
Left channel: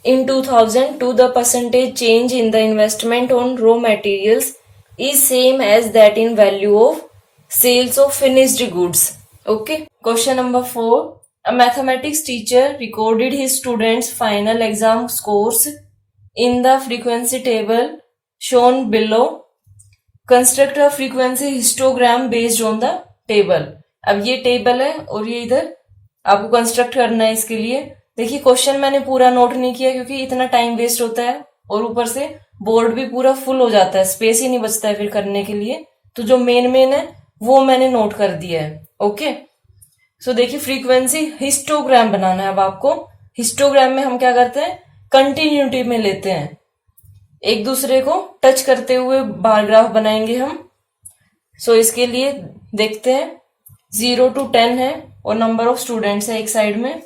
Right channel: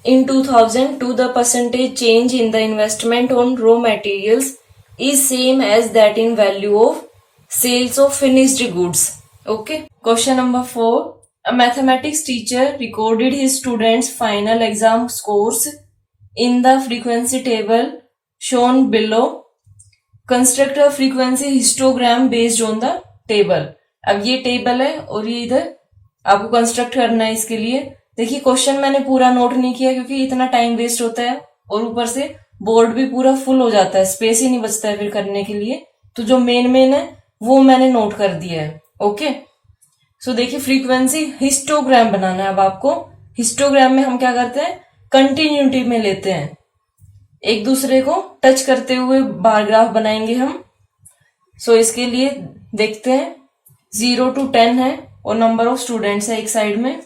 In 2002, the percentage change in the investment on raw materials is same as that in value of sales of finished goods. Okay. Question number 4. A mathematics teacher recorded his students' final exam scores in the frequency table shown below. Construct a frequency histogram based on the table. अब ये table है और ये इधर आपको construct करना है। इसके लिए देखिए क्वेश्चन मैंने पूरा नोट नहीं किया क्योंकि इतना टाइम वेस्ट होता है और ऊपर से बोर्ड भी पूरा फुल हो जाता है, स्पेस ही नहीं बचता है फिर करने के लिए। तो जो मेन है वो मैंने नोट कर दिया है। ओके, सो देखिए फ्रीक्वेंसी हिस्टोग्राम बनाना है। अब आपको हिस्टोग्राम में हम क्या करते हैं, कंटिन्यूटी में लेते हैं, एक दूसरे को टच करते हुए बार ग्राफ बनाएंगे हम। सो इसके लिए देखते हैं 0 to 10 है और नंबर ऑफ स्टूडेंट्स है एक साइड में।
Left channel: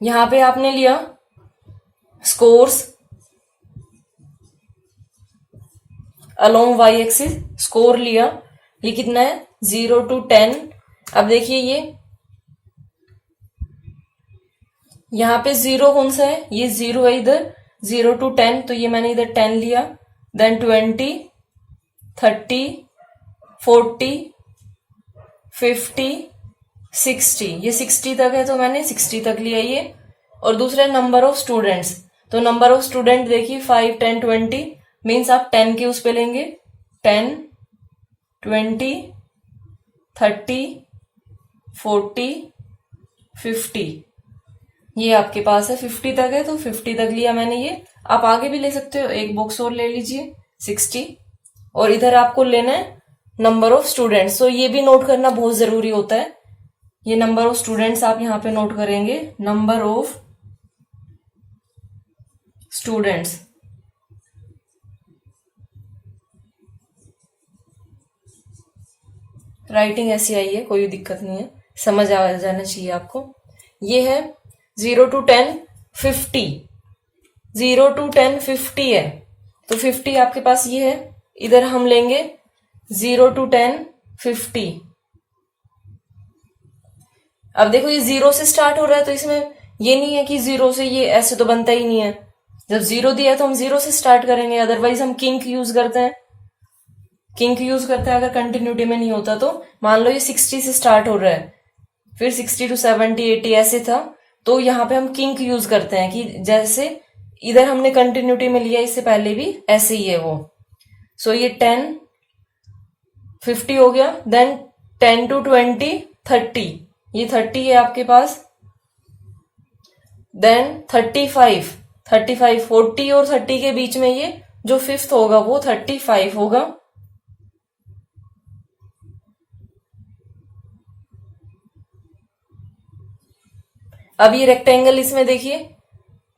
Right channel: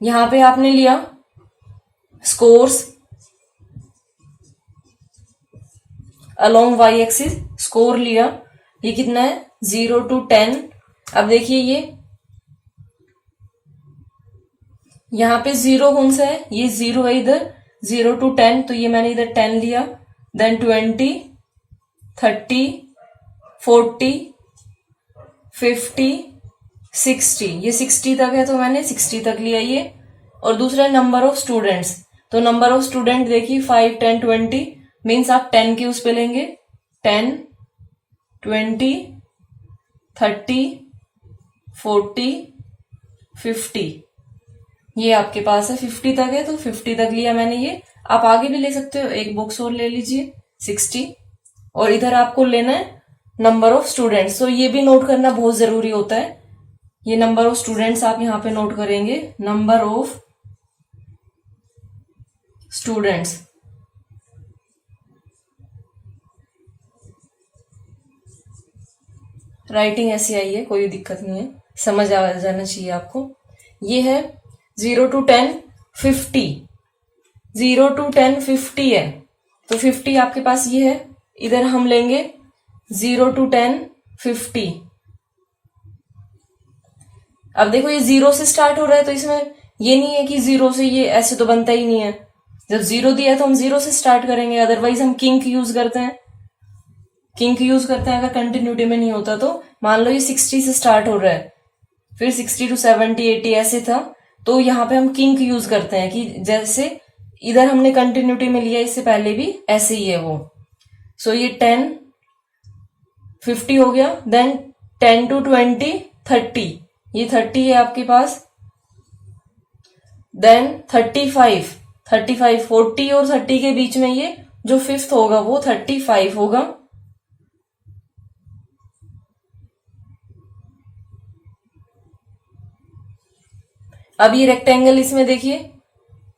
यहां पे आपने लिया scores along Y axis, score लिया, ये कितना है 0 to 10। अब देखिए ये यहां पे 0 कौन सा है, ये 0 है इधर, 0 to 10, तो ये मैंने इधर 10 लिया। देन 20, 30, 40, 50, 60, ये 60 तक है तो मैंने 60 तक लिया ये। और दूसरा नंबर ऑफ स्टूडेंट्स, तो नंबर ऑफ स्टूडेंट देखिए 5, 10, 20 मीन्स आप 10 के उस पे लेंगे, 10, 20, 30, 40, 50, ये आपके पास है 50 तक है तो 50 तक लिया मैंने ये। आप आगे भी ले सकते हो, एक बॉक्स और ले लीजिए 60, और इधर आपको लेना है नंबर ऑफ स्टूडेंट्स। तो ये भी नोट करना बहुत जरूरी होता है, ये नंबर ऑफ स्टूडेंट्स आप यहां पे नोट करेंगे, नंबर ऑफ स्टूडेंट्स। राइटिंग ऐसी आई है, कोई दिक्कत नहीं है, समझ आ जाना चाहिए आपको। ये है 0 to 10, 50, 0 to 10 50 है तो 50 आपके पास ये है। इधर हम लेंगे 0 to 10, 50। अब देखो ये 0 से स्टार्ट हो रहा है तो इसमें ये नहीं है कि 0 से ये ऐसे तो बनता ही नहीं है। जब 0 दिया है तो हम 0 से स्टार्ट करेंगे, अदरवाइज हम किंक यूज करते हैं, अगर कंटिन्यूटी में नहीं होता तो। मान लो ये 60 से स्टार्ट हो रहा है, फिर 60 to 70, 80 ऐसे था, तो यहाँ पे हम किंक यूज करते हैं कि जैसे इधर हमने कंटिन्यूटी में लिया, इससे पहले भी ऐसे ही है वो। सो ये 10, 50 हो गया। देन 10 to 20, 30, ये 30 है आपके पास। देन 35, 40 और 30 के बीच में ये जो फिफ्थ होगा वो 35 होगा। अब ये रेक्टेंगल, इसमें देखिए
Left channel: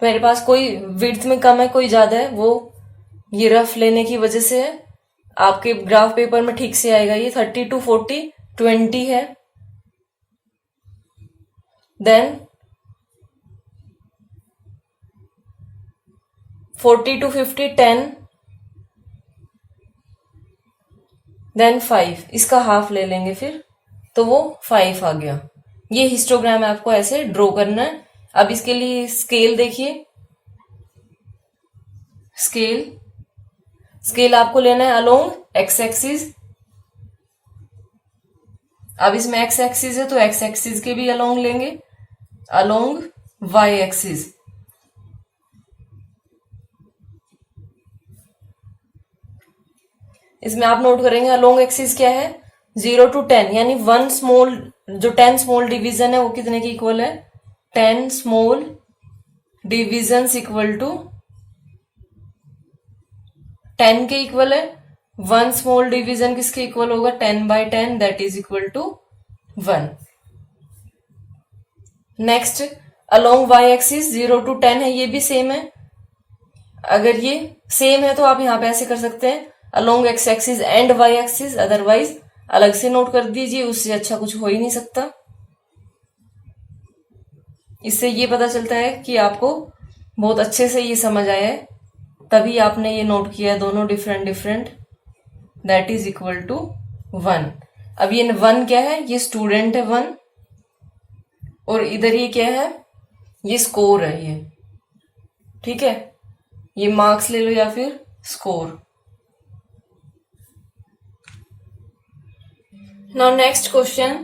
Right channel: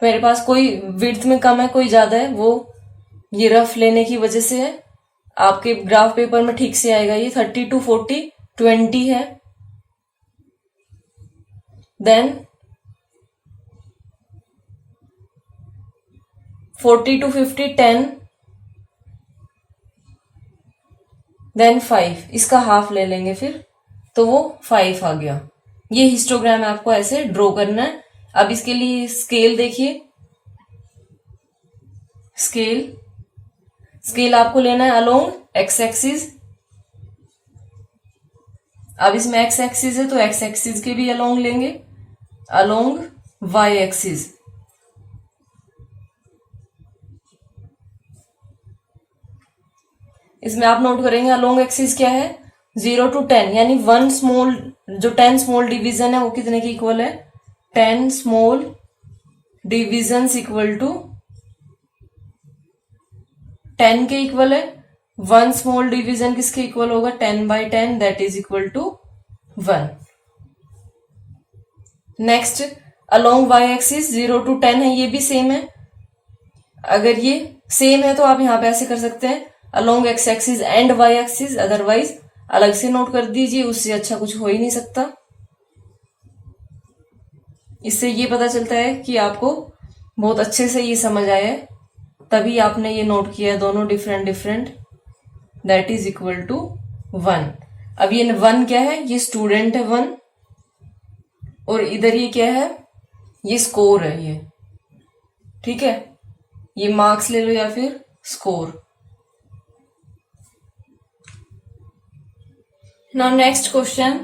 मेरे पास कोई विड्थ में कम है कोई ज्यादा है, वो ये रफ लेने की वजह से है, आपके ग्राफ पेपर में ठीक से आएगा। ये 30 to 40, 20 है। देन 40 to 50, 10, देन 5, इसका हाफ ले लेंगे फिर तो वो 5 आ गया। ये हिस्टोग्राम आपको ऐसे ड्रॉ करना है। अब इसके लिए स्केल देखिए, स्केल आपको लेना है अलोंग एक्स एक्सिस। अब इसमें एक्स एक्सिस है तो एक्स एक्सिस के भी अलोंग लेंगे, अलोंग वाई एक्सिस। इसमें आप नोट करेंगे अलोंग एक्सिस क्या है, 0 to 10, यानी 1 स्मॉल, जो 10 स्मॉल डिवीजन है वो कितने की इक्वल है, 10 स्मॉल डिविजन इक्वल टू 10 के इक्वल है। 1 स्मॉल डिवीजन किसके इक्वल होगा, 10/10, that is equal to 1। Next along Y axis 0 to 10 है, ये भी सेम है। अगर ये सेम है तो आप यहां पे ऐसे कर सकते हैं, along X axis and Y axis, otherwise अलग से नोट कर दीजिए, उससे अच्छा कुछ हो ही नहीं सकता। इससे ये पता चलता है कि आपको बहुत अच्छे से ये समझ आया है, तभी आपने ये नोट किया दोनों different different, that is equal to 1। अब ये 1 क्या है, ये स्टूडेंट है 1, और इधर ये क्या है, ये स्कोर है ये, ठीक है, ये मार्क्स ले लो या फिर score. Now next question,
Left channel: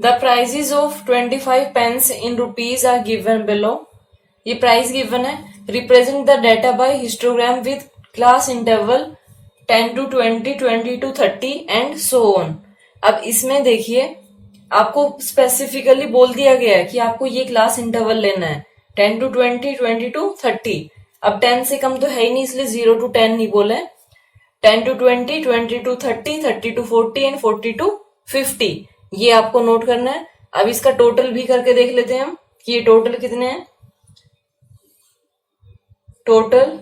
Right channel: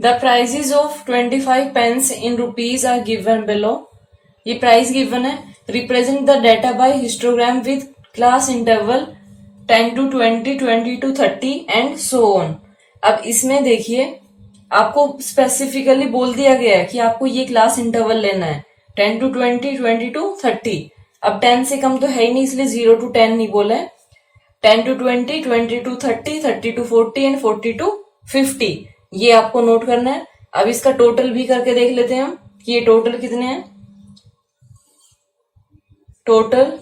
the prices of 25 pence in rupees are given below. ये प्राइस गिवन है, represent the data by histogram with class interval 10 to 20, 20 to 30 and so on. अब इसमें देखिए आपको स्पेसिफिकली बोल दिया गया है कि आपको ये क्लास इंटरवल लेना है 10 to 20, 20 to 30। अब 10 से कम तो है ही नहीं, इसलिए 0 to 10 नहीं बोला है, 10 to 20, 20 to 30, 30 to 40 and 40 to 50, ये आपको नोट करना है। अब इसका टोटल भी करके देख लेते हैं हम कि ये टोटल कितने हैं। टोटल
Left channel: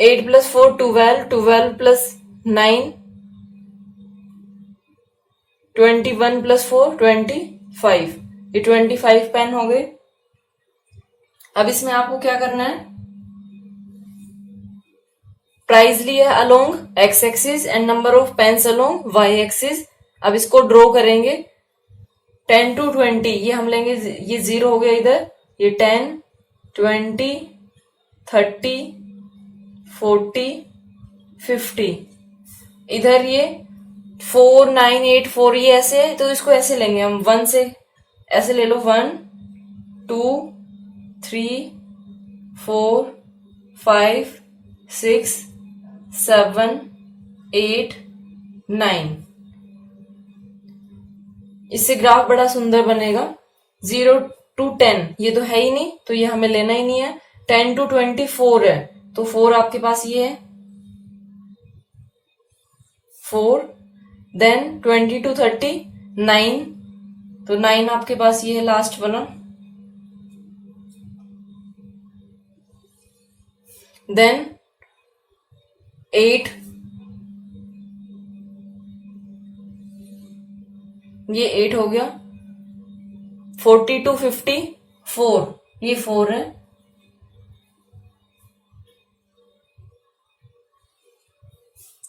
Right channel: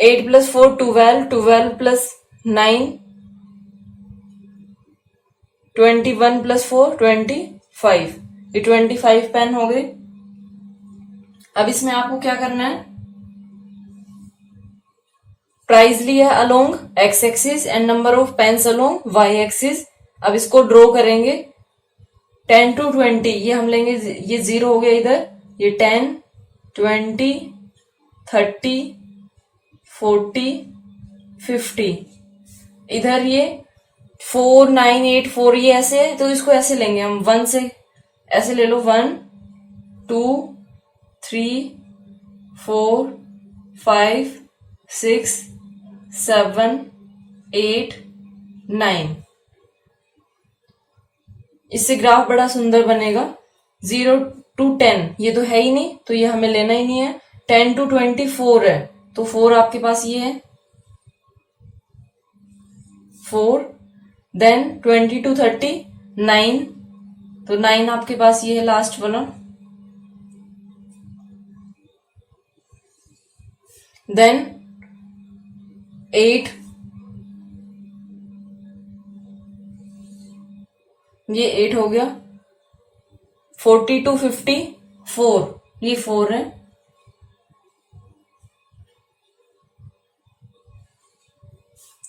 8 plus 4 12, 12 plus 9 21 plus 4 25, ये 25 पेन हो गए। अब इसमें आपको क्या करना है, प्राइस लिया along X axis and number of pens along Y axis. अब इसको ड्रॉ करेंगे 10 to 20, ये हम लेंगे, ये 0 हो गया इधर, ये 10 20 30 40 50, इधर ये 4 9 8 4, ये ऐसे है तो इसको ऐसे लेंगे हम 1 से, ऐसे ले लो 1 2 3 4 5 6 7 8 9। इससे ग्राफ बड़ा सुंदर बनेगा। 0 to 10 ये तो है ही नहीं, तो ये हमें लेना ही नहीं है। 10 to 24 है, तो 4 आपके पास ये है 4। देन 20 to 30 9, तो 9 आपके पास ये है लास्ट बना। देन 8, ये 8 हो गया। 40 to 50 4, ये 4 है।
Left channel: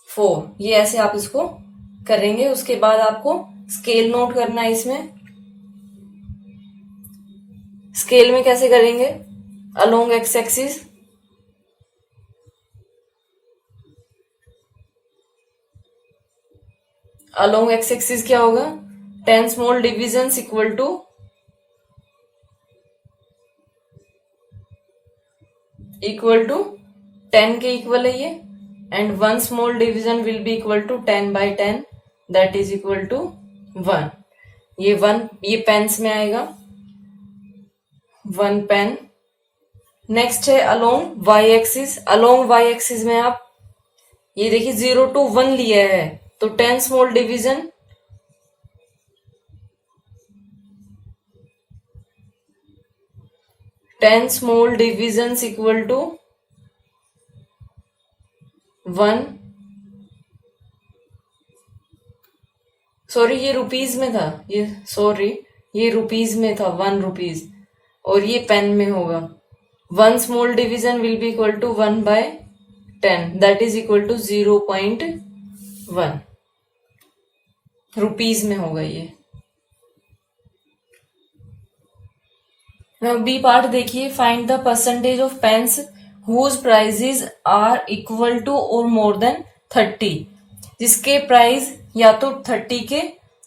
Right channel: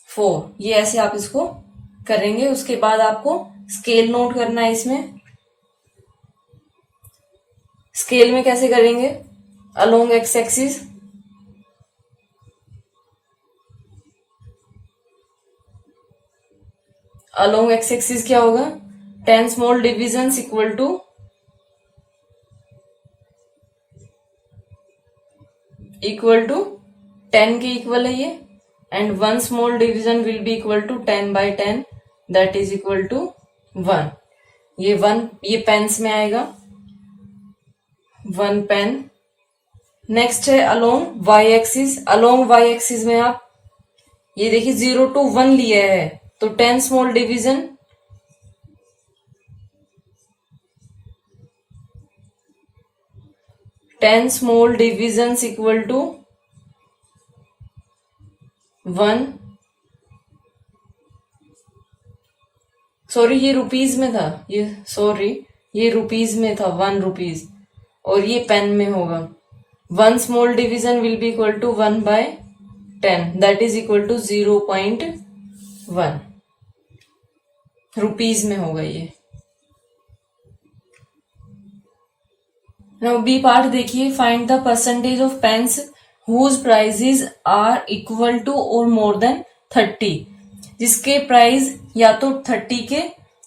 4, ये ऐसे आप इसको करेंगे। उसके बाद आपको स्केल नोट करना है। इसमें स्केल में कैसे करेंगे, along X axis, along X axis क्या होगा, 10 स्मॉल डिविजन इक्वल टू 10 के इक्वल है ये, and 1 small division will be equal to 10 by 10, that is equal to 1। ये 1 ये पेन्स में आएगा, 1 पेन। नेक्स्ट है along Y axis. Along Y axis में आप ये देखिए 0 to 1 लिया है, तो 10 small division, equal to 1। Sorry ये रुपीज में था, ये रुपीज में था 1 रुपीज, और ये पेन में होगा। 1 small division will be equal to 1 by 10, that is equal to 0.1 rupees में होगा ये। नाउ बी पार्ट देखिए, find the percentage of pens whose prices are equal to और मोर देन 30, जिसके प्राइस या तो 30 के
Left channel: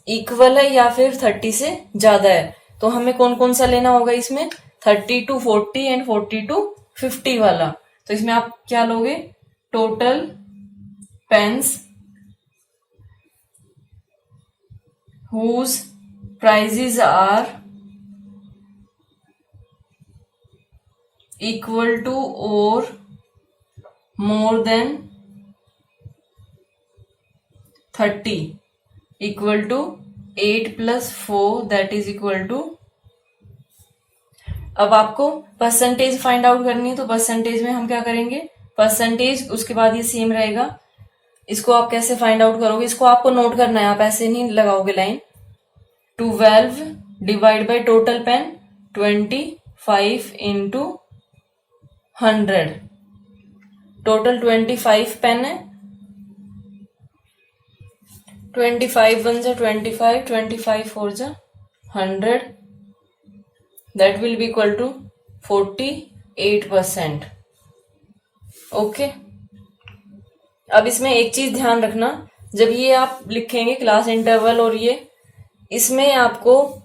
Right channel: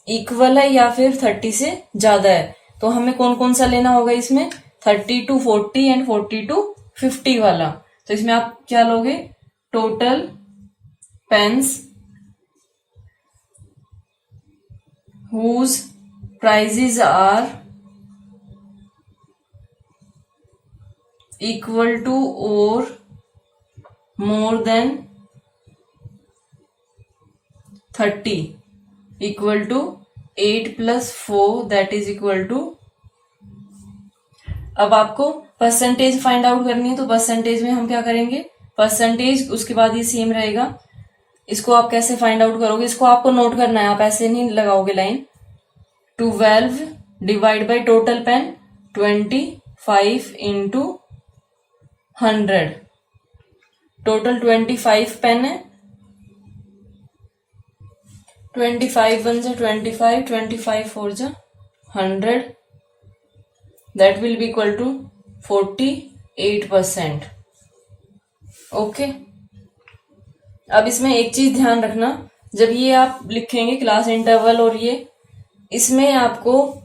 इक्वल है या फिर 30 से ज्यादा है। तो हमें कौन कौन सा लेना होगा इसमें, 30 to 40 एंड 40 to 50 वाला। तो इसमें आप क्या लोगे, total pens whose prices are equal to or more than 30 equal to 8 plus 4, that is equal to। अब आपको परसेंटेज फाइंड आउट करनी है, तो परसेंटेज में हम क्या करेंगे, परसेंटेज उसके बाद ये सेम रहेगा। इसको आप कैसे फाइंड आउट करोगे, इसको आपको नोट करना है, आप ऐसे नहीं लगाओगे line. 12 divide by total pen 25 into 100। Total 25 pen है। 25 1 जा 25, 25 4 जा 100, that will be equal to 48%। Okay. अब इसमें एक चीज ध्यान रखना, जब ये आप लिखेंगे क्लास इंटरवल और ये, इसमें आपको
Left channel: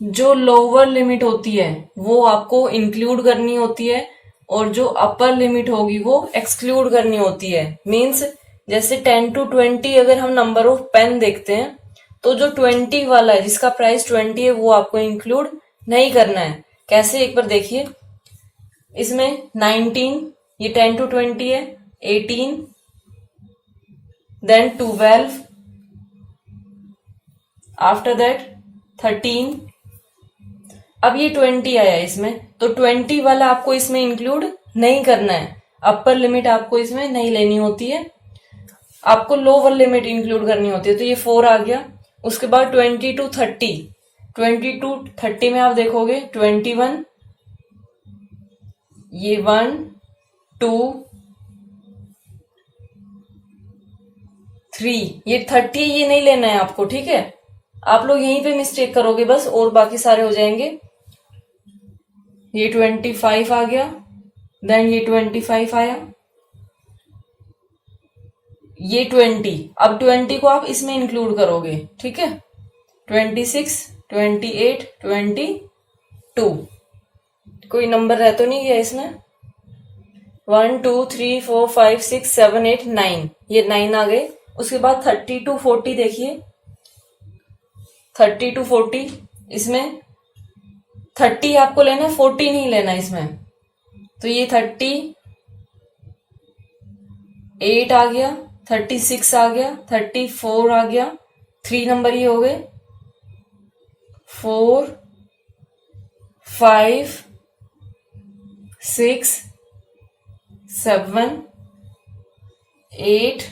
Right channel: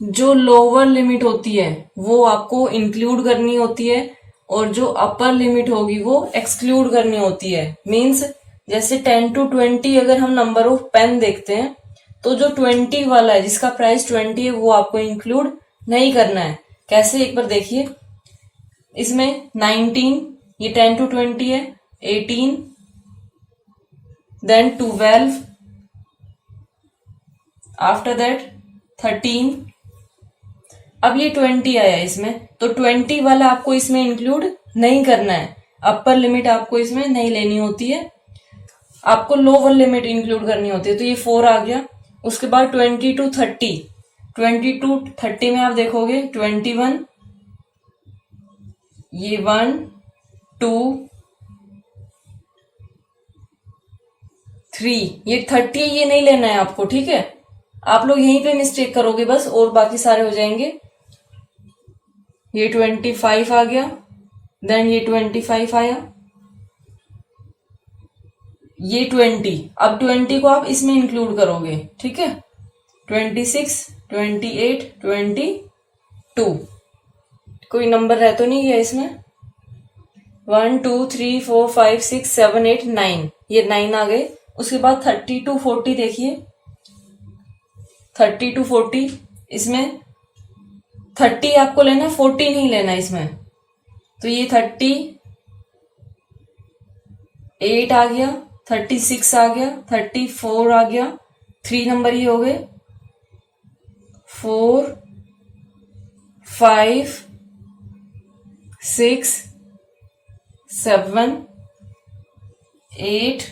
जो लोअर लिमिट होती है वो आपको इंक्लूड करनी होती है और जो अपर लिमिट होगी वो एक्सक्लूड करनी होती है। मीन्स जैसे 10 to 20 अगर हम नंबर ऑफ पेन देखते हैं तो जो 20 वाला है जिसका प्राइस 20 है वो आपको इंक्लूड नहीं करना है। कैसे, एक बार देखिए। इसमें 19, ये 10 to 20 है, 18, देन 12, आफ्टर दैट 13। अब ये 20 आया इसमें, तो 20 वाला आपको इसमें इंक्लूड नहीं करना है। अपर लिमिट आपको इसमें नहीं लेनी होती है, आपको लोअर लिमिट इंक्लूड करनी होती है। तो ये 4 आ गया। उसके बाद 20 to 30, 20 to 30 में आप देखोगे 21, ये 1 2 3, ये 30 ये नहीं लेना है आपको, ठीक है। आप लोग यहीं पे मिस्टेक करोगे बस, और बाकी सारे हो जाएंगे। ये 25 आ गया, देन ये 25 आया, ये 20। अब 20 को आप इसमें इंक्लूड करोगे, ठीक है। 26, 28, 22। कोई नंबर रह तो नहीं गया इसमें? 1 2 3 4 5 6 7 8 9, ये 9 आ गए। उसके बाद 30 to 40 देखिए, 30 to 40, इसमें 30 आपको लेना है, 40 नहीं लेना इसमें। तो ये 38 आ गया, 36 आ गया, 34 आ गया, 3 नंबर ही हो गए, 4 5 6 7 8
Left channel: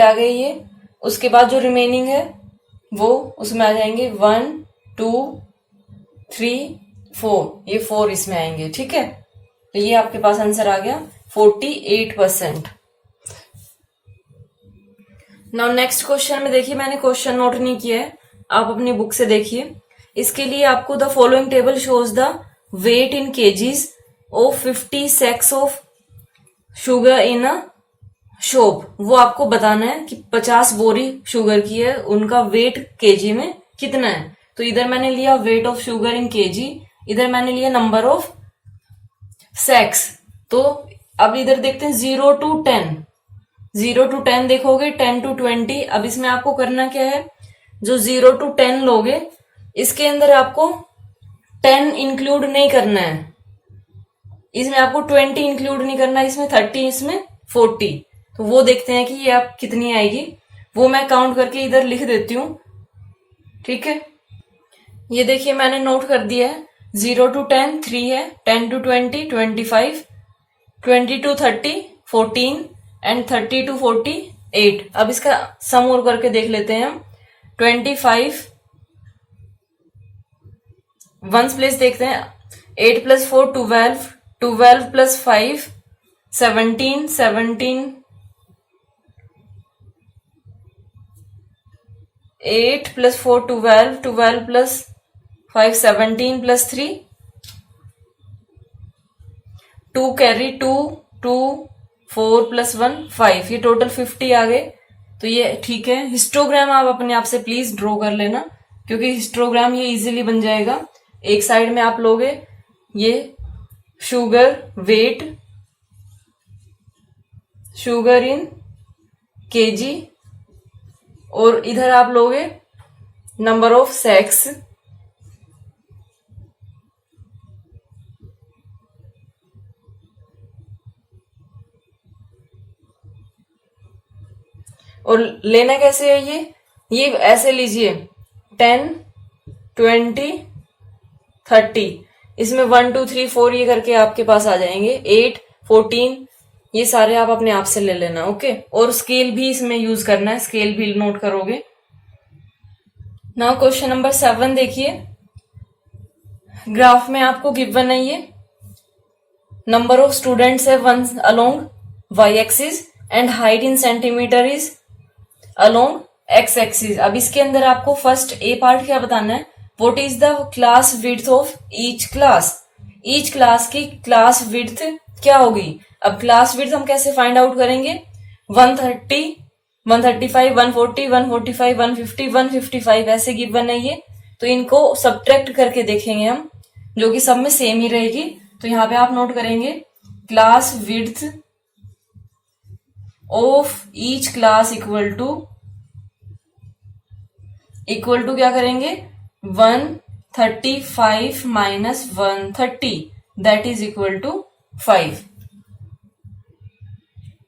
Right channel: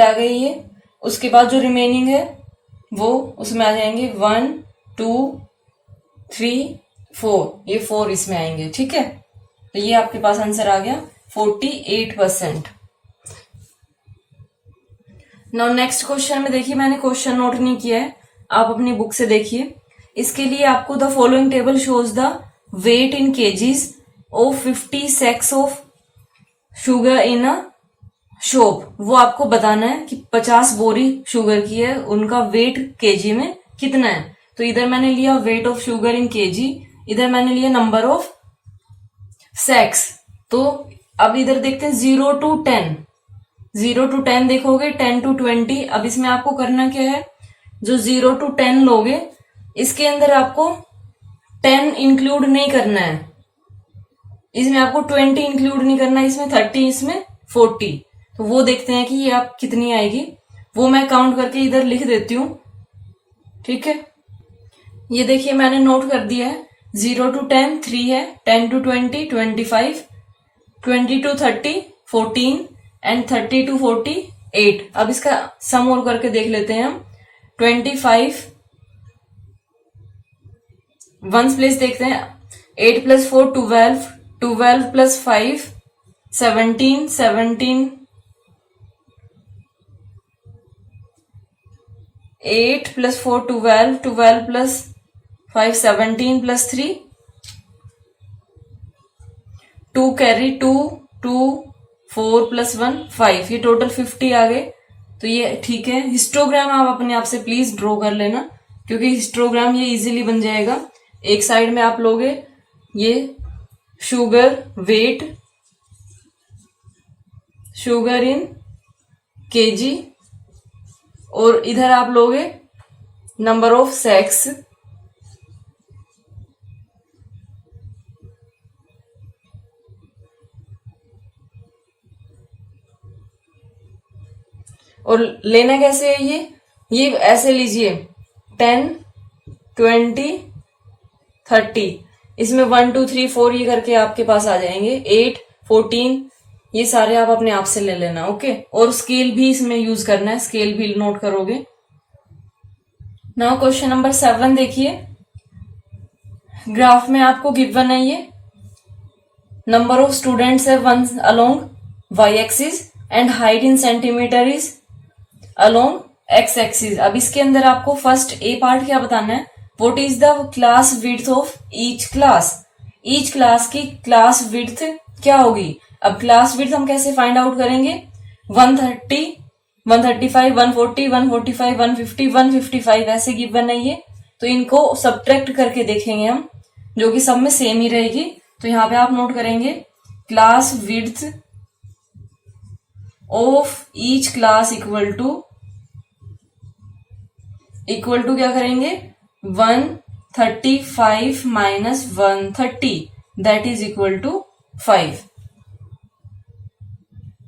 आ गई ये। उसके बाद जो रिमेनिंग है वो उसमें आ जाएंगे 1 2 3 4, ये 4 इसमें आएंगे, ठीक है। तो ये आपके पास आंसर आ गया 48%। नाउ नेक्स्ट क्वेश्चन में देखिए, मैंने क्वेश्चन नोट नहीं किया है, आप अपनी बुक से देखिए। इसके लिए आपको the following table shows the weight in kgs of 50 sacks of sugar in a shop. वो आपको बताना है कि 50 बोरी शुगर की है, उनका वेट केजी में कितना है। तो इधर मैंने लिया weight of sugar in KG, इधर मैंने लिया नंबर ऑफ सैक्स। तो अब इधर देखते हैं 0 to 10, 0 to 10 देखोगे, 10 to 20। अब इसमें आपको करना क्या है, जो 0 to 10 लोगे इसके अंदर आपको 10 इंक्लूड नहीं करना है, इसमें आपको 20 इंक्लूड नहीं करना, इसमें 30, इसमें 40। तो वो देखते हैं कि ये आप कितनी आएगी, वो मैं काउंट करके इधर लिख देती हूँ, ठीक है। ये देखिए मैंने नोट कर दिया है। 0 to 10 3 है, 10 to 20 25, 20 to 30 14 एंड 30 to 40 8। अब इसका सम और करके देख लेते हैं हम। 25 वंस प्लेस देखते हैं, 8 + 4 12, 12 + 5 17, 17 8 + 4 12, 12 + 5 17 + 3 2 कैरी 2 2 4 + 1 5, ये टोटल 50 आ गए। तो ये ठीक है। हिस्टोग्राम आप अपने आप से प्लीज ड्रॉ कर लेना, क्योंकि हिस्टोग्राम ये इजीली बन जाएगा। एक साइड में आप लोगे ये sugar weight, sugar in kg, और इधर आप लोगे नंबर ऑफ सैक्स, और लेना कैसे है ये ऐसे लीजिए 10 20 30, इसमें 1 2 3 4 ये करके आपके पास आ जाएंगे, 8 14, ये सारे आप अपने आप से ले लेना, ओके। और स्केल भी इसमें यूज करना है, स्केल भी नोट करोगे। नाउ क्वेश्चन नंबर 7 देखिए। ग्राफ में आपको गिवन है ये नंबर ऑफ स्टूडेंट्स है one along Y axis and height in centimetre is along X axis. अब इसके अंदर आपको फर्स्ट ए पार्ट क्या बताना है, what is the class width of each class. Each class की क्लास विड्थ क्या होगी। अब क्लास विड्थ हम कैसे फाइंड आउट करेंगे, 130, 135, 140, 145, 150, 155 ऐसे गिवन है ये। तो इनको सब्ट्रैक्ट करके देखेंगे हम, जो कि सब में सेम ही रहेगी। तो यहां पे आप नोट करेंगे class width of each class equal to क्या करेंगे 135 minus 130 that is equal to 5।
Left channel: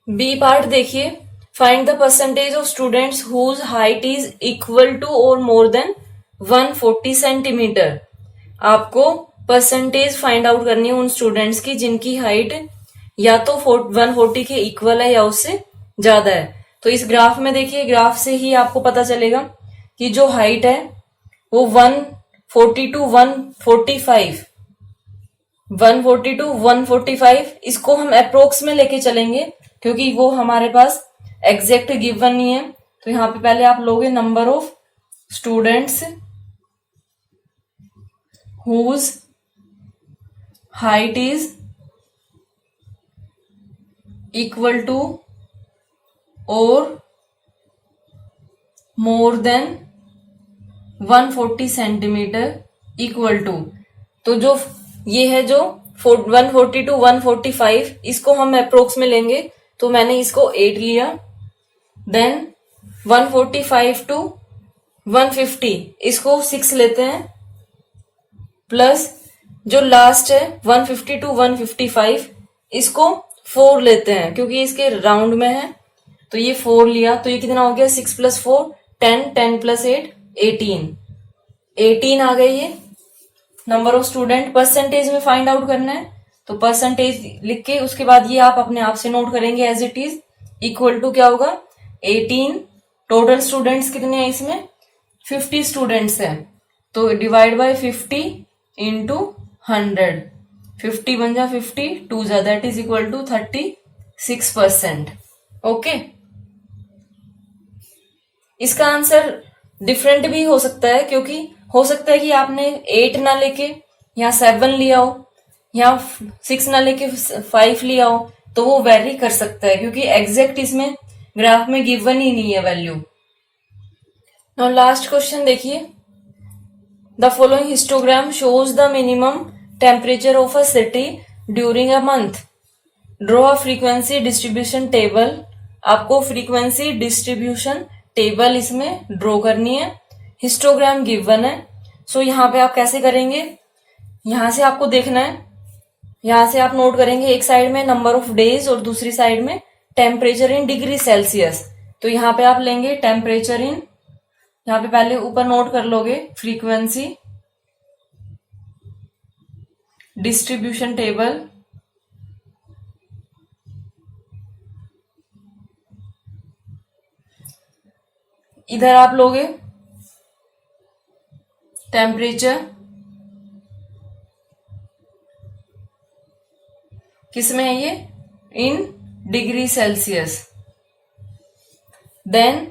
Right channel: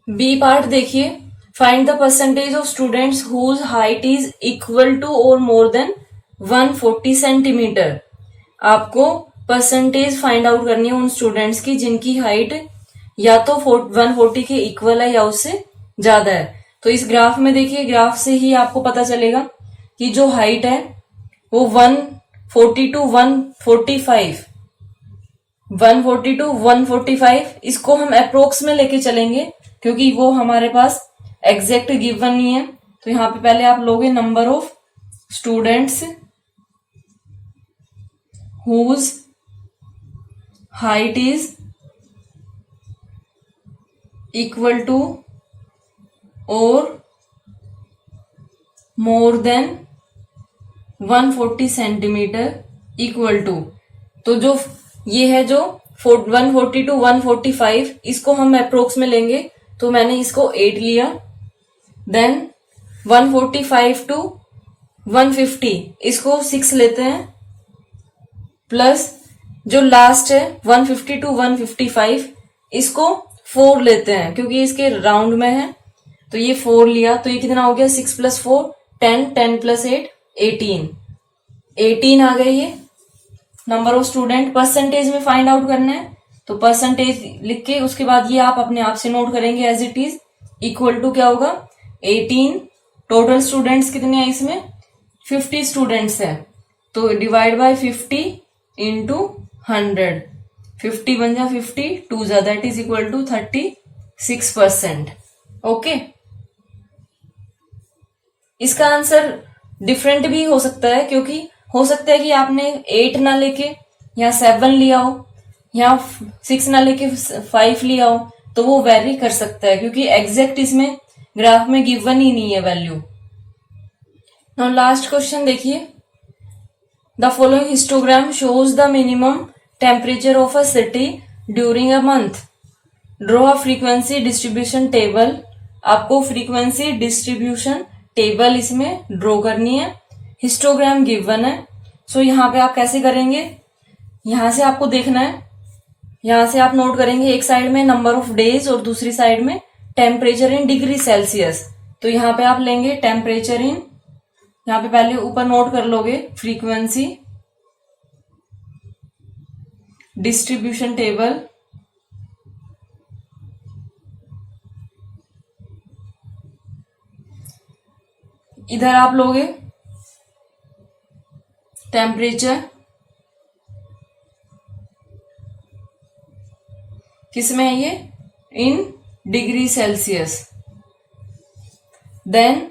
B part देखिए, find the percentage of students whose height is equal to और मोर देन 140 सेंटीमीटर। आपको परसेंटेज फाइंड आउट करनी है उन students की जिनकी हाइट या तो 140 के इक्वल है या उससे ज्यादा है। तो इस ग्राफ में देखिए, ग्राफ से ही आपको पता चलेगा कि जो हाइट है वो 140 टू 145, 140 टू 145 इसको हम अप्रोक्स में लेके चलेंगे क्योंकि वो हमारे पास एग्जैक्ट गिवन नहीं है। तो यहां पे पहले आप लोगे number of students whose height is equal to और more than 140 centimetre equal to. तो जो ये है जो 140 टू 145 इसको हम अप्रोक्स में लेंगे, तो मैंने इसको 8 लिया। देन 145 टू 150 इसको 6 लेते हैं, प्लस जो लास्ट है 150 टू 155 इसको 4 लेते हैं क्योंकि इसके राउंड में है। तो ये 4 लिया, तो ये कितना हो गया 6 प्लस 4 10, 10 प्लस 8 18 आ गए ये नंबर ऑफ स्टूडेंट। परसेंटेज में फाइंड आउट करना है, तो परसेंटेज लिख के उसके बाद ये आप अपने आप से नोट करेंगे as it is equal to क्या होगा 18। टोटल स्टूडेंट्स कितने हैं इसमें 50 स्टूडेंट्स हैं, तो डिवाइड बाय 50 इंटू 100, 50 बन जा 50, 2 जा that is equal to 36%। Okay, इसका आंसर डिफरेंट भी हो सकता है क्योंकि हो सकता है कि आपने 8 ना लेके या 7 लिया हो या 6 ना लेके 5 लिया हो, तो वो वेरी कर सकता है क्योंकि एग्जैक्ट इसमें ग्राफ में गिवन ही नहीं है वैल्यू। नाउ लास्ट क्वेश्चन देखिए, the following histogram shows the minimum temperature of a city during a month. Draw a frequency distribution table. आपको फ्रीक्वेंसी डिस्ट्रीब्यूशन टेबल इसमें ड्रॉ करनी है, हिस्टोग्राम गिवन है। सो यहाँ पे आप कैसे करेंगे, यहां से आपको देखना है, यहां से आप नोट करेंगे एक साइड में नंबर ऑफ डेज और दूसरी साइड में टेम्परेचर इन डिग्री सेल्सियस। तो यहाँ पे आप लेंगे टेम्परेचर इन, यहाँ पे पहले ऊपर नोट कर लोगे फ्रीक्वेंसी डिस्ट्रीब्यूशन टेबल, इधर आप लोगे टेम्परेचर किसमें है ये इन डिग्री सेल्सियस। देन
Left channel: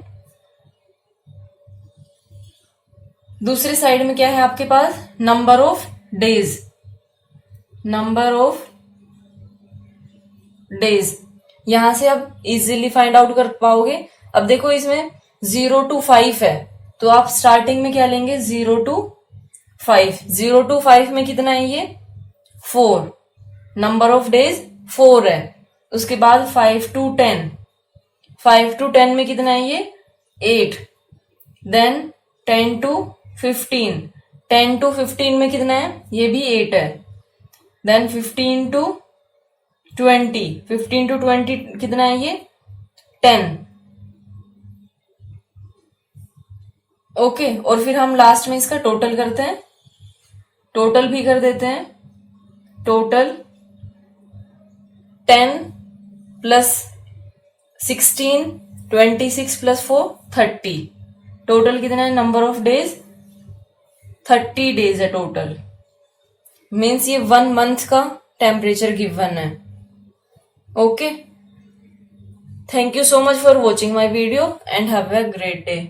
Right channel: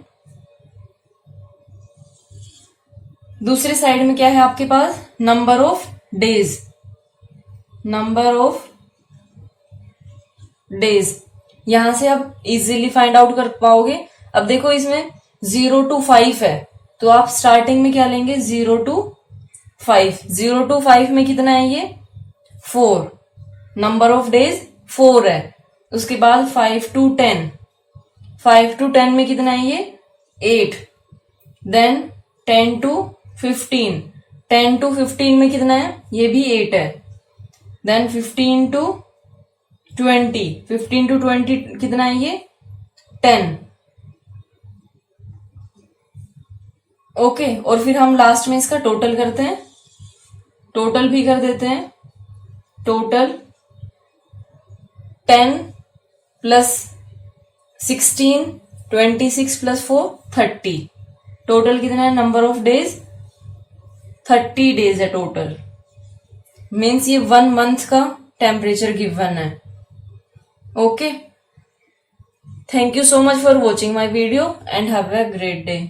दूसरी साइड में क्या है आपके पास number of days, number of days. यहां से आप इजीली फाइंड आउट कर पाओगे। अब देखो इसमें 0 to 5 है, तो आप स्टार्टिंग में क्या लेंगे 0 to 5। 0 to 5 में कितना है ये 4, नंबर ऑफ डेज 4 है। उसके बाद 5 to 10, 5 to 10 में कितना है ये 8। देन 10 to 15, 10 to 15 में कितना है ये भी 8 है। देन 15 to 20, 15 to 20 कितना है ये 10। ओके, और फिर हम लास्ट में इसका टोटल करते हैं, टोटल भी कर देते हैं। Total 10 plus 16, 26 plus 4 30। टोटल कितना है नंबर ऑफ डेज 30 डेज है टोटल, मीन्स ये 1 मंथ का टेम्परेचर गिवन है. Okay, thank you so much for watching my video and have a great day.